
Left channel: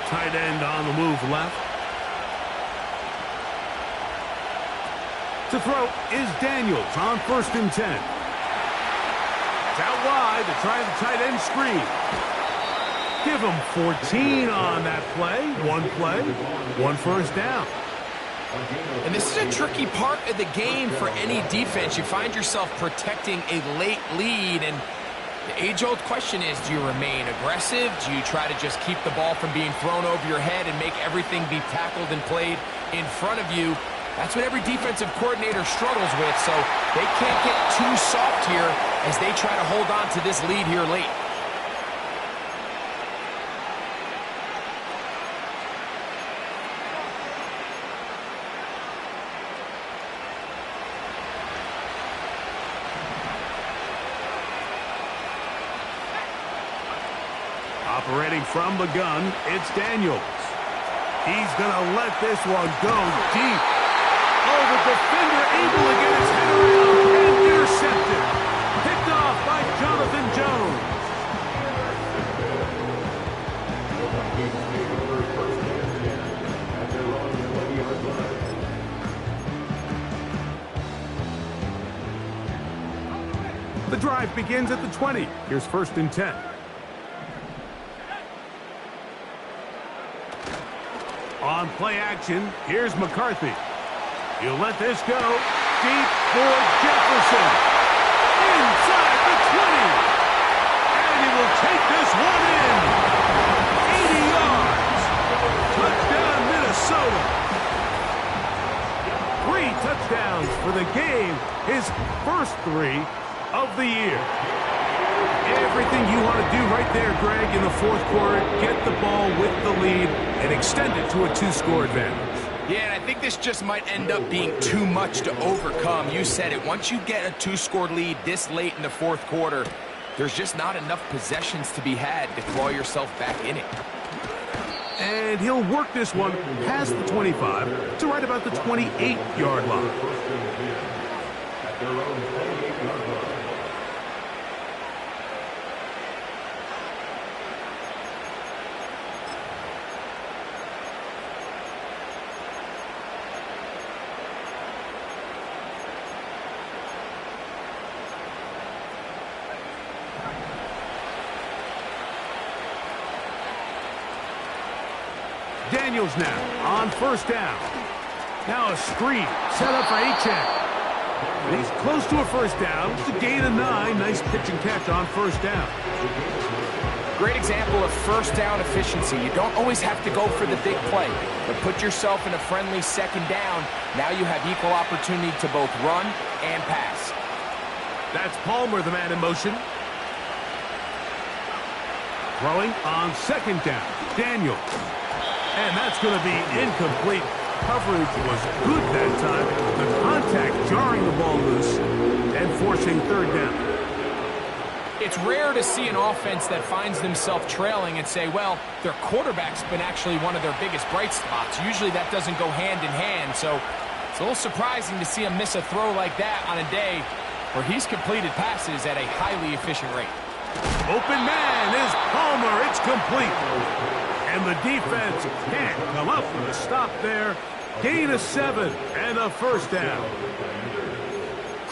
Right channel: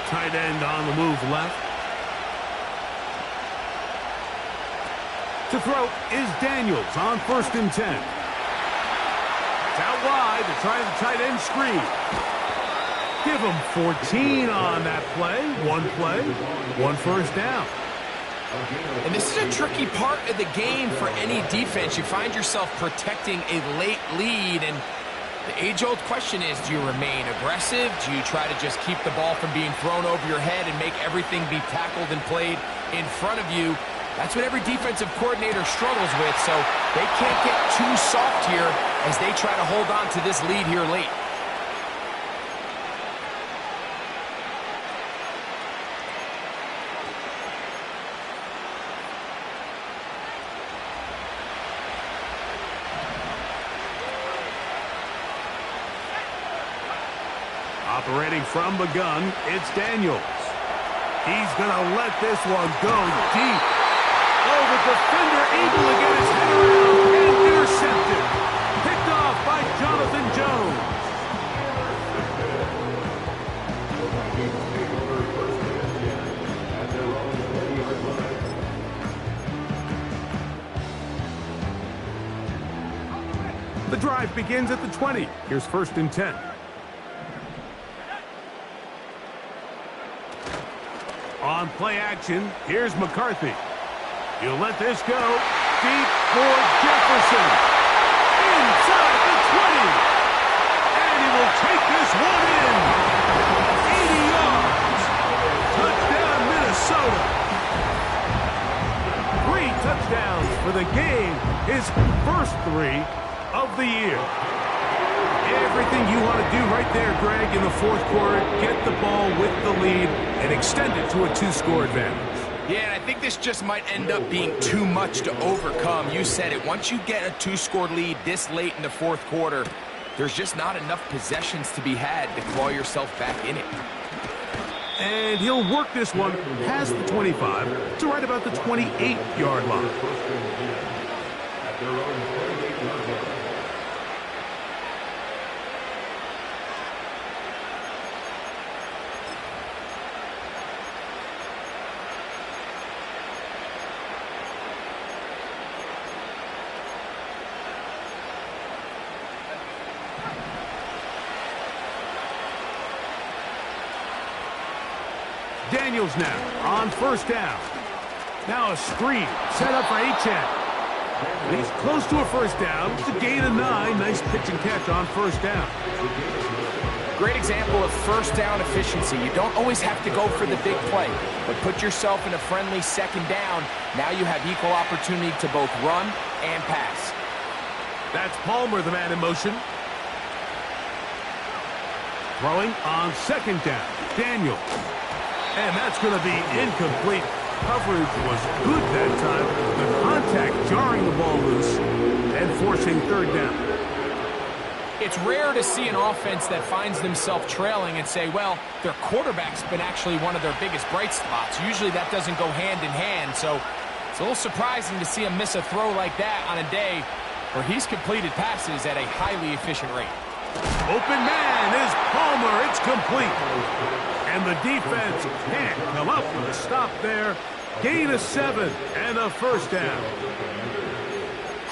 Tight end on the move left. To throw is Daniels on 1st and 10. It's out wide to try the tight end screen. Give him 14 on that play. One first down. And this is a tricky part of the game for any defense. You find yourself protecting a late lead, and the age-old question is, do you remain aggressive? Do you try to just keep the ball from being thrown over your head and make everything be tackled and played in front of you? That's what every defensive coordinator struggles with, so they can't get too soft here as they try to hold on to this lead here late. Operating from the gun, it's Daniels. He's going to let this one go deep. Oh, the defender able to get his head around and intercepted. Picked off by Jonathan Jones. The Vikings take over first and 10 at their own 20-yard line. The drive begins at the 20. Here's 1st and 10. On play action, here's McCarthy. He'll let this go deep for Jefferson. Inside the 20. And he will take this one in. 80 yards. Touchdown, Minnesota. 3 touchdowns for the game. His first 3 of the year. Everything you want to do right there, Greg, in the fourth quarter. Get the ball with the lead and extend it to a 2-score advantage. Yeah, and I think this just might end up being too much to overcome. You said it. Once you get a 2-score lead this late in the fourth quarter, there's just not enough possessions to be had to claw yourself back in it. And he'll work this one past the 25 to right about the 28-yard line. First and 10 at their own 28-yard line. Daniels now on 1st down. Now a screen set up for Achane. And he's close to a 1st down. It's a gain of 9. Nice pitch and catch on 1st down. Great example of 1st down efficiency. You don't always have to go for the big play, but put yourself in a friendly 2nd down. Now you have equal opportunity to both run and pass. That's Palmer, the man in motion. Throwing on 2nd down. Daniels. And that's going to be incomplete. Coverage was good that time. The contact jarring the ball loose and forcing 3rd down. It's rare to see an offense that finds themselves trailing and say, well, their quarterback's been actually one of their biggest bright spots. Usually that doesn't go hand in hand, so it's a little surprising to see him miss a throw like that on a day where he's completed passes at a highly efficient rate. Open man is Palmer. It's complete. And the defense can't come up with a stop there. Gain of 7 and a 1st down.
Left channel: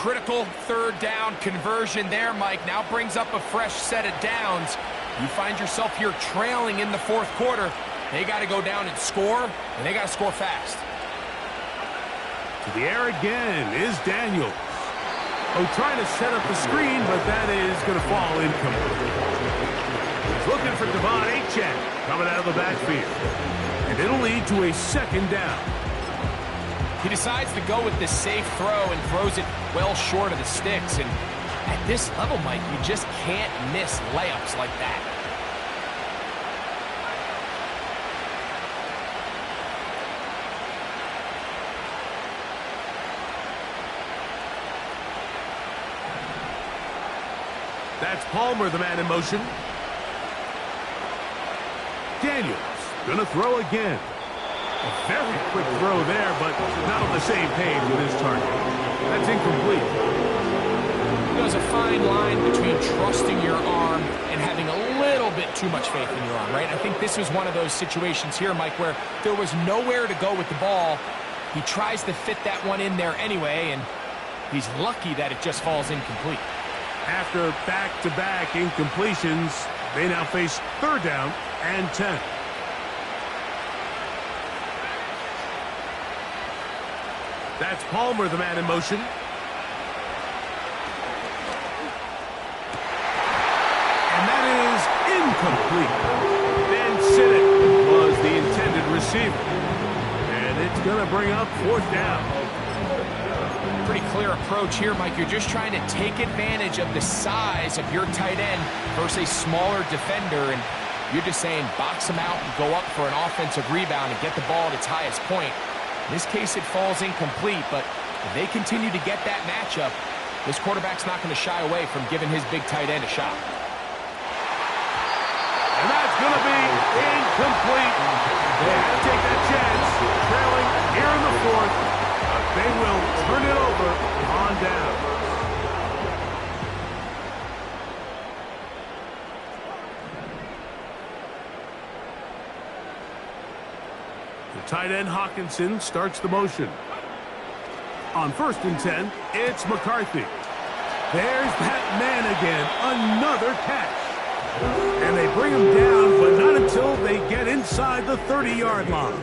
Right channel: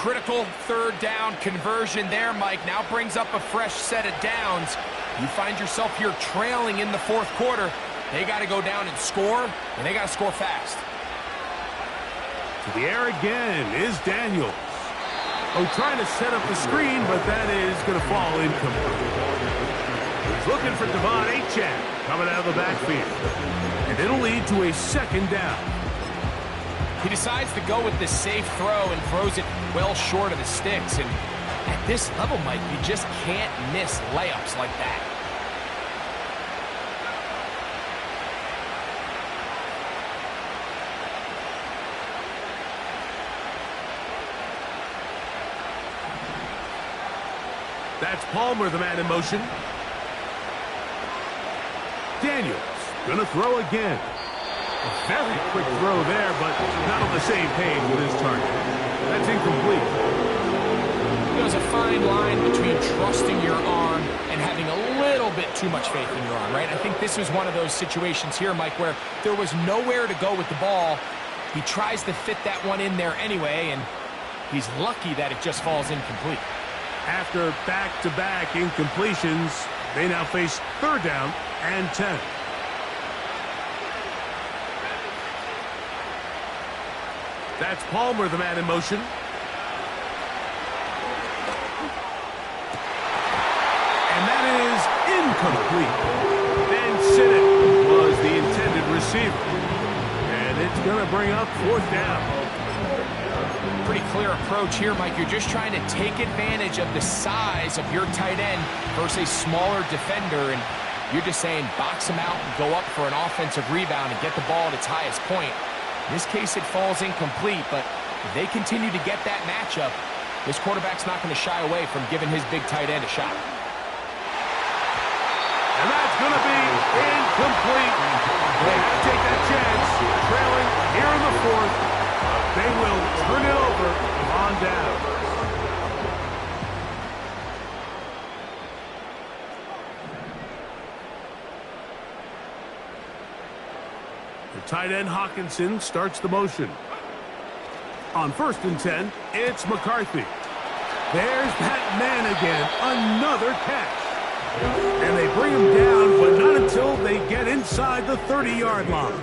Critical third down conversion there, Mike. Now brings up a fresh set of downs. You find yourself here trailing in the fourth quarter. They got to go down and score, and they got to score fast. To the air again is Daniels. Oh, trying to set up the screen, but that is going to fall incomplete. He's looking for Devon Achane coming out of the backfield. And it'll lead to a second down. He decides to go with the safe throw and throws it well short of the sticks. And at this level, Mike, you just can't miss layups like that. That's Palmer, the man in motion. Daniels gonna throw again. A very quick throw there, but not on the same page with his target. That's incomplete. There's a fine line between trusting your arm and having a little bit too much faith in your arm, right? I think this was one of those situations here, Mike, where there was nowhere to go with the ball. He tries to fit that one in there anyway, and he's lucky that it just falls incomplete. After back-to-back incompletions, they now face third down and 10. That's Palmer, the man in motion. And that is incomplete. Ben Sinnott was the intended receiver. And it's going to bring up fourth down. Pretty clear approach here, Mike. You're just trying to take advantage of the size of your tight end versus a smaller defender, and you're just saying box him out and go up for an offensive rebound and get the ball at its highest point. In this case, it falls incomplete, but if they continue to get that matchup, this quarterback's not going to shy away from giving his big tight end a shot. And that's going to be incomplete. They had to take that chance, trailing here in the fourth. They will turn it over on down. The tight end Hawkinson starts the motion. On 1st and 10, it's McCarthy. There's that man again, another catch. And they bring him down, but not until they get inside the 30-yard line.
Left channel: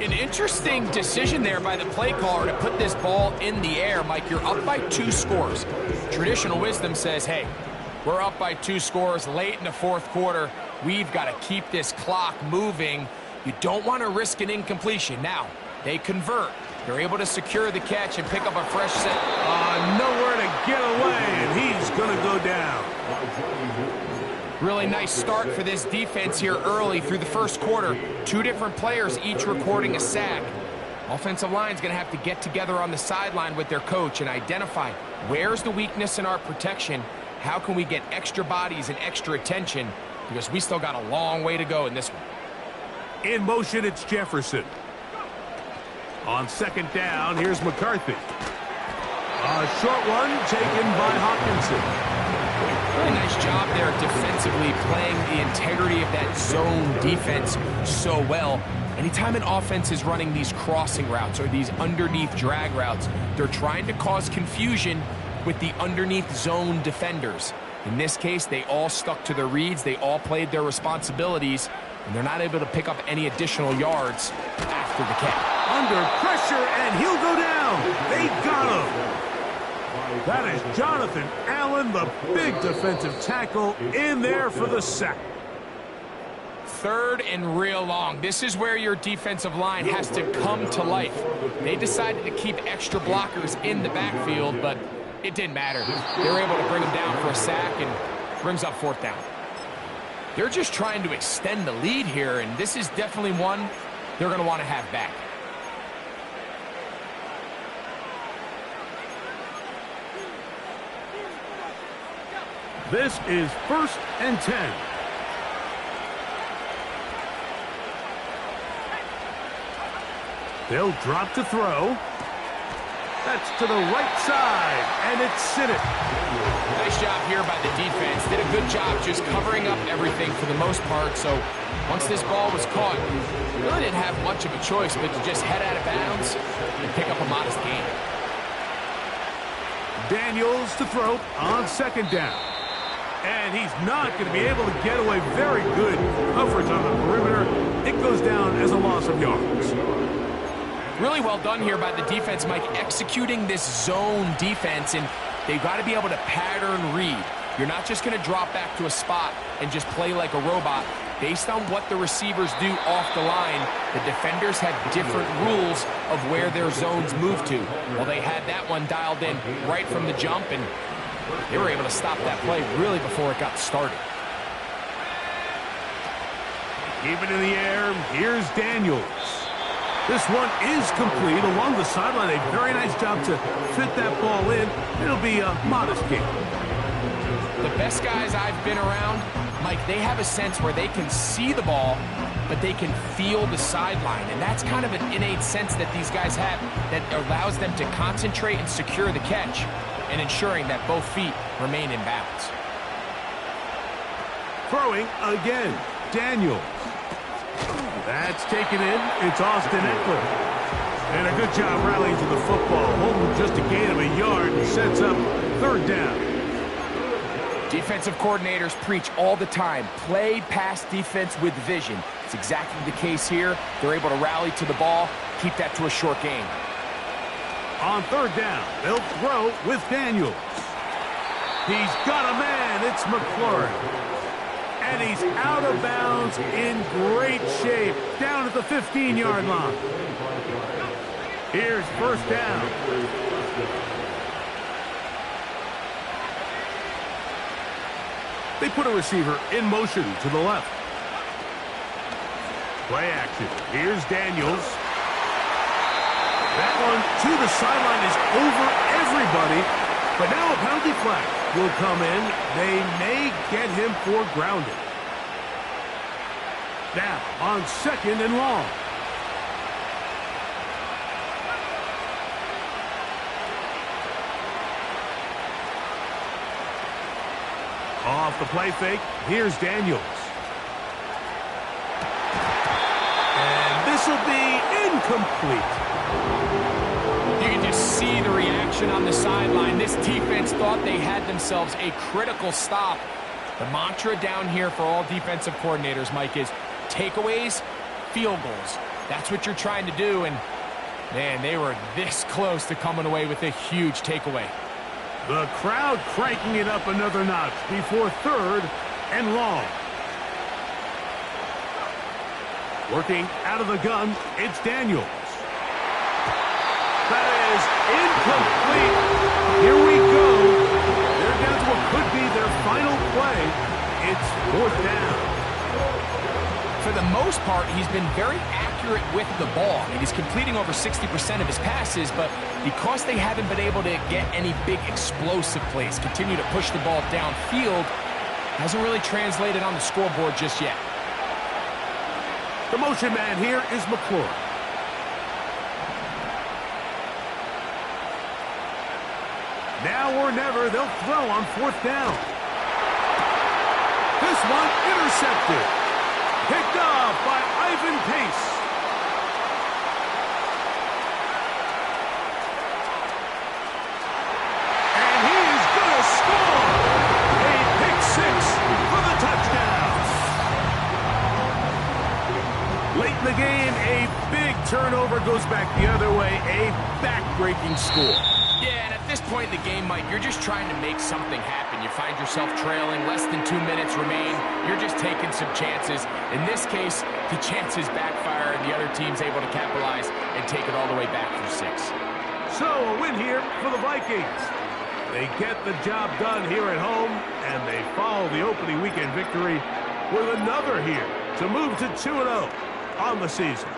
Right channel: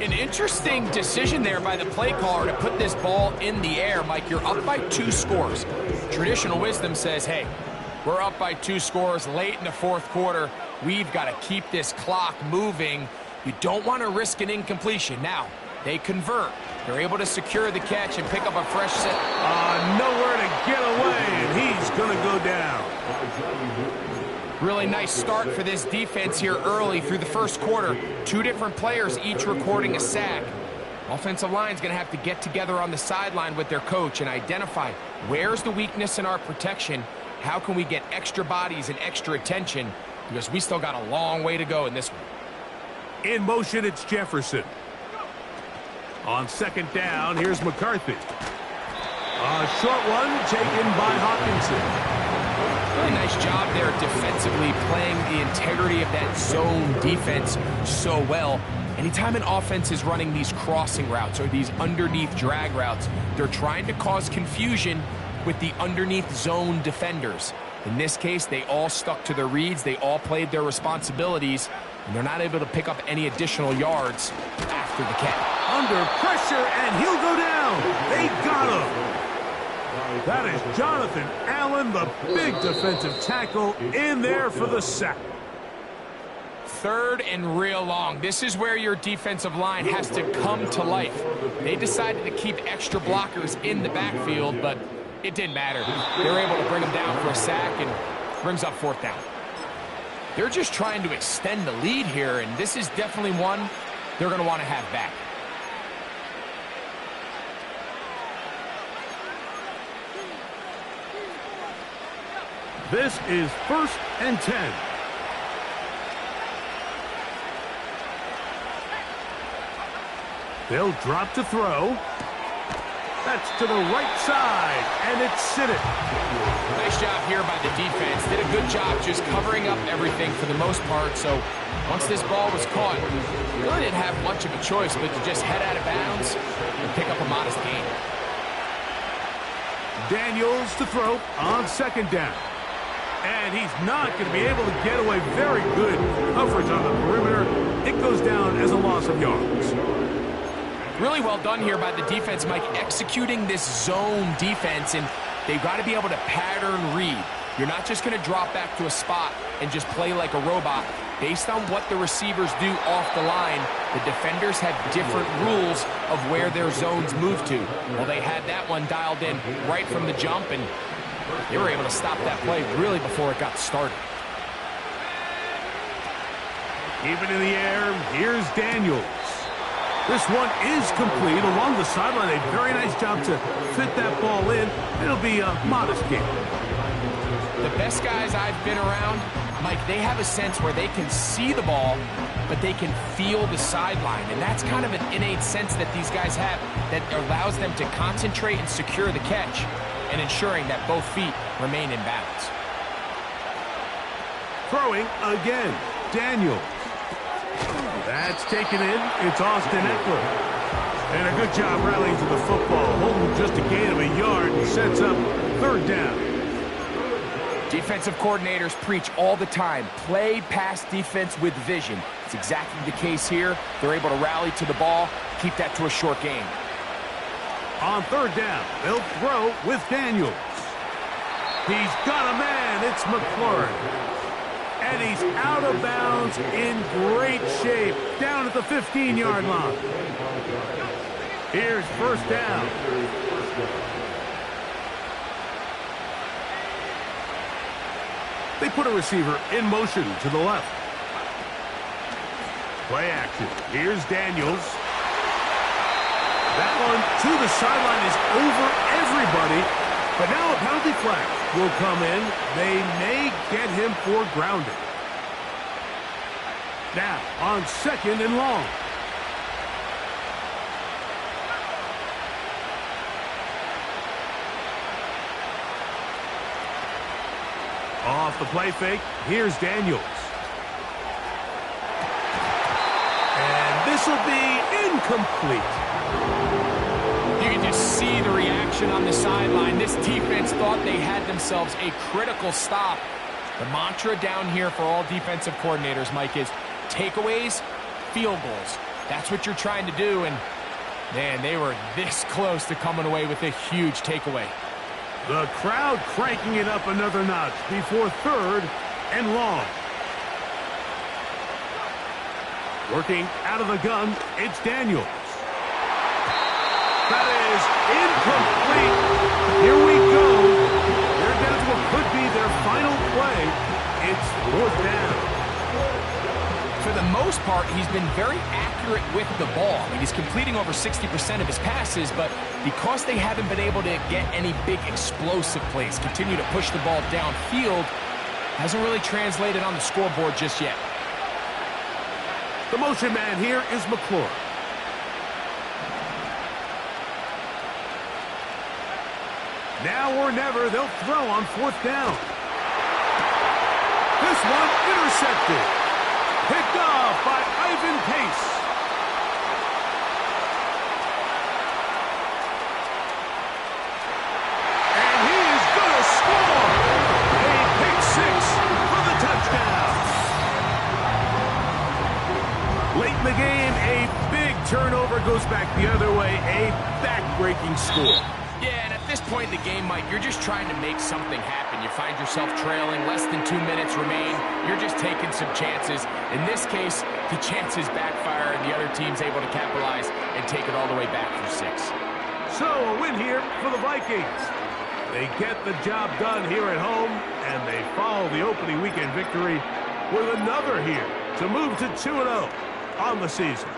An interesting decision there by the play caller to put this ball in the air. Mike, you're up by 2 scores. Traditional wisdom says, hey, we're up by 2 scores late in the fourth quarter. We've got to keep this clock moving. You don't want to risk an incompletion. Now, they convert. They're able to secure the catch and pick up a fresh set. Nowhere to get away, and he's going to go down. Really nice start for this defense here early through the first quarter. 2 different players each recording a sack. Offensive line's going to have to get together on the sideline with their coach and identify where's the weakness in our protection, how can we get extra bodies and extra attention, because we still got a long way to go in this one. In motion, it's Jefferson. On 2nd down, here's McCarthy. A short one taken by Hawkinson. Really nice job there defensively, playing the integrity of that zone defense so well. Anytime an offense is running these crossing routes or these underneath drag routes, they're trying to cause confusion with the underneath zone defenders. In this case, they all stuck to their reads, they all played their responsibilities, and they're not able to pick up any additional yards after the catch. Under pressure, and he'll go down. They got him. That is Jonathan Allen, the big defensive tackle, in there for the sack. 3rd and real long. This is where your defensive line has to come to life. They decided to keep extra blockers in the backfield, but it didn't matter. They were able to bring them down for a sack and brings up 4th down. They're just trying to extend the lead here, and this is definitely one they're going to want to have back. This is 1st and 10. They'll drop to throw. That's to the right side, and it's Sinnott. Nice job here by the defense. Did a good job just covering up everything for the most part. So once this ball was caught, really didn't have much of a choice but to just head out of bounds and pick up a modest gain. Daniels to throw on second down. And he's not going to be able to get away. Very good coverage on the perimeter. It goes down as a loss of yards. Really well done here by the defense, Mike, executing this zone defense, and they've got to be able to pattern read. You're not just going to drop back to a spot and just play like a robot. Based on what the receivers do off the line, the defenders have different rules of where their zones move to. Well, they had that one dialed in right from the jump, and they were able to stop that play really before it got started. Keep it in the air. Here's Daniels. This one is complete along the sideline. A very nice job to fit that ball in. It'll be a modest gain. The best guys I've been around, Mike, they have a sense where they can see the ball, but they can feel the sideline. And that's kind of an innate sense that these guys have that allows them to concentrate and secure the catch and ensuring that both feet remain in balance. Throwing again, Daniels. That's taken in. It's Austin Ekeler. And a good job rallying to the football. Holding just a gain of a yard and sets up third down. Defensive coordinators preach all the time, play pass defense with vision. It's exactly the case here. They're able to rally to the ball, keep that to a short gain. On third down, they'll throw with Daniels. He's got a man. It's McLaurin. And he's out of bounds in great shape, down at the 15-yard line. Here's first down. They put a receiver in motion to the left. Play action. Here's Daniels. That one to the sideline is over everybody. But now a penalty flag will come in. They may get him for grounding. Now on second and long. Off the play fake, here's Daniels. And this will be incomplete. You can just see the reaction on the sideline. This defense thought they had themselves a critical stop. The mantra down here for all defensive coordinators, Mike, is takeaways, field goals. That's what you're trying to do, and man, they were this close to coming away with a huge takeaway. The crowd cranking it up another notch before third and long. Working out of the gun, it's Daniels. That is incomplete. Here we go. They're down to what could be their final play. It's fourth down. For the most part, he's been very accurate with the ball. I mean, he's completing over 60% of his passes, but because they haven't been able to get any big explosive plays, continue to push the ball downfield, hasn't really translated on the scoreboard just yet. The motion man here is McLaurin. Now or never, they'll throw on fourth down. This one intercepted. Picked off by Ivan Pace. And he is going to score. A pick six for the touchdown. Late in the game, a big turnover goes back the other way. A back-breaking score. Yeah, and at this point in the game, Mike, you're just trying to make something happen. You find yourself trailing, less than 2 minutes remain. You're just taking some chances. In this case, the chances backfire, and the other team's able to capitalize and take it all the way back for 6. So, a win here for the Vikings. They get the job done here at home, and they follow the opening weekend victory with another here to move to 2-0 on the season.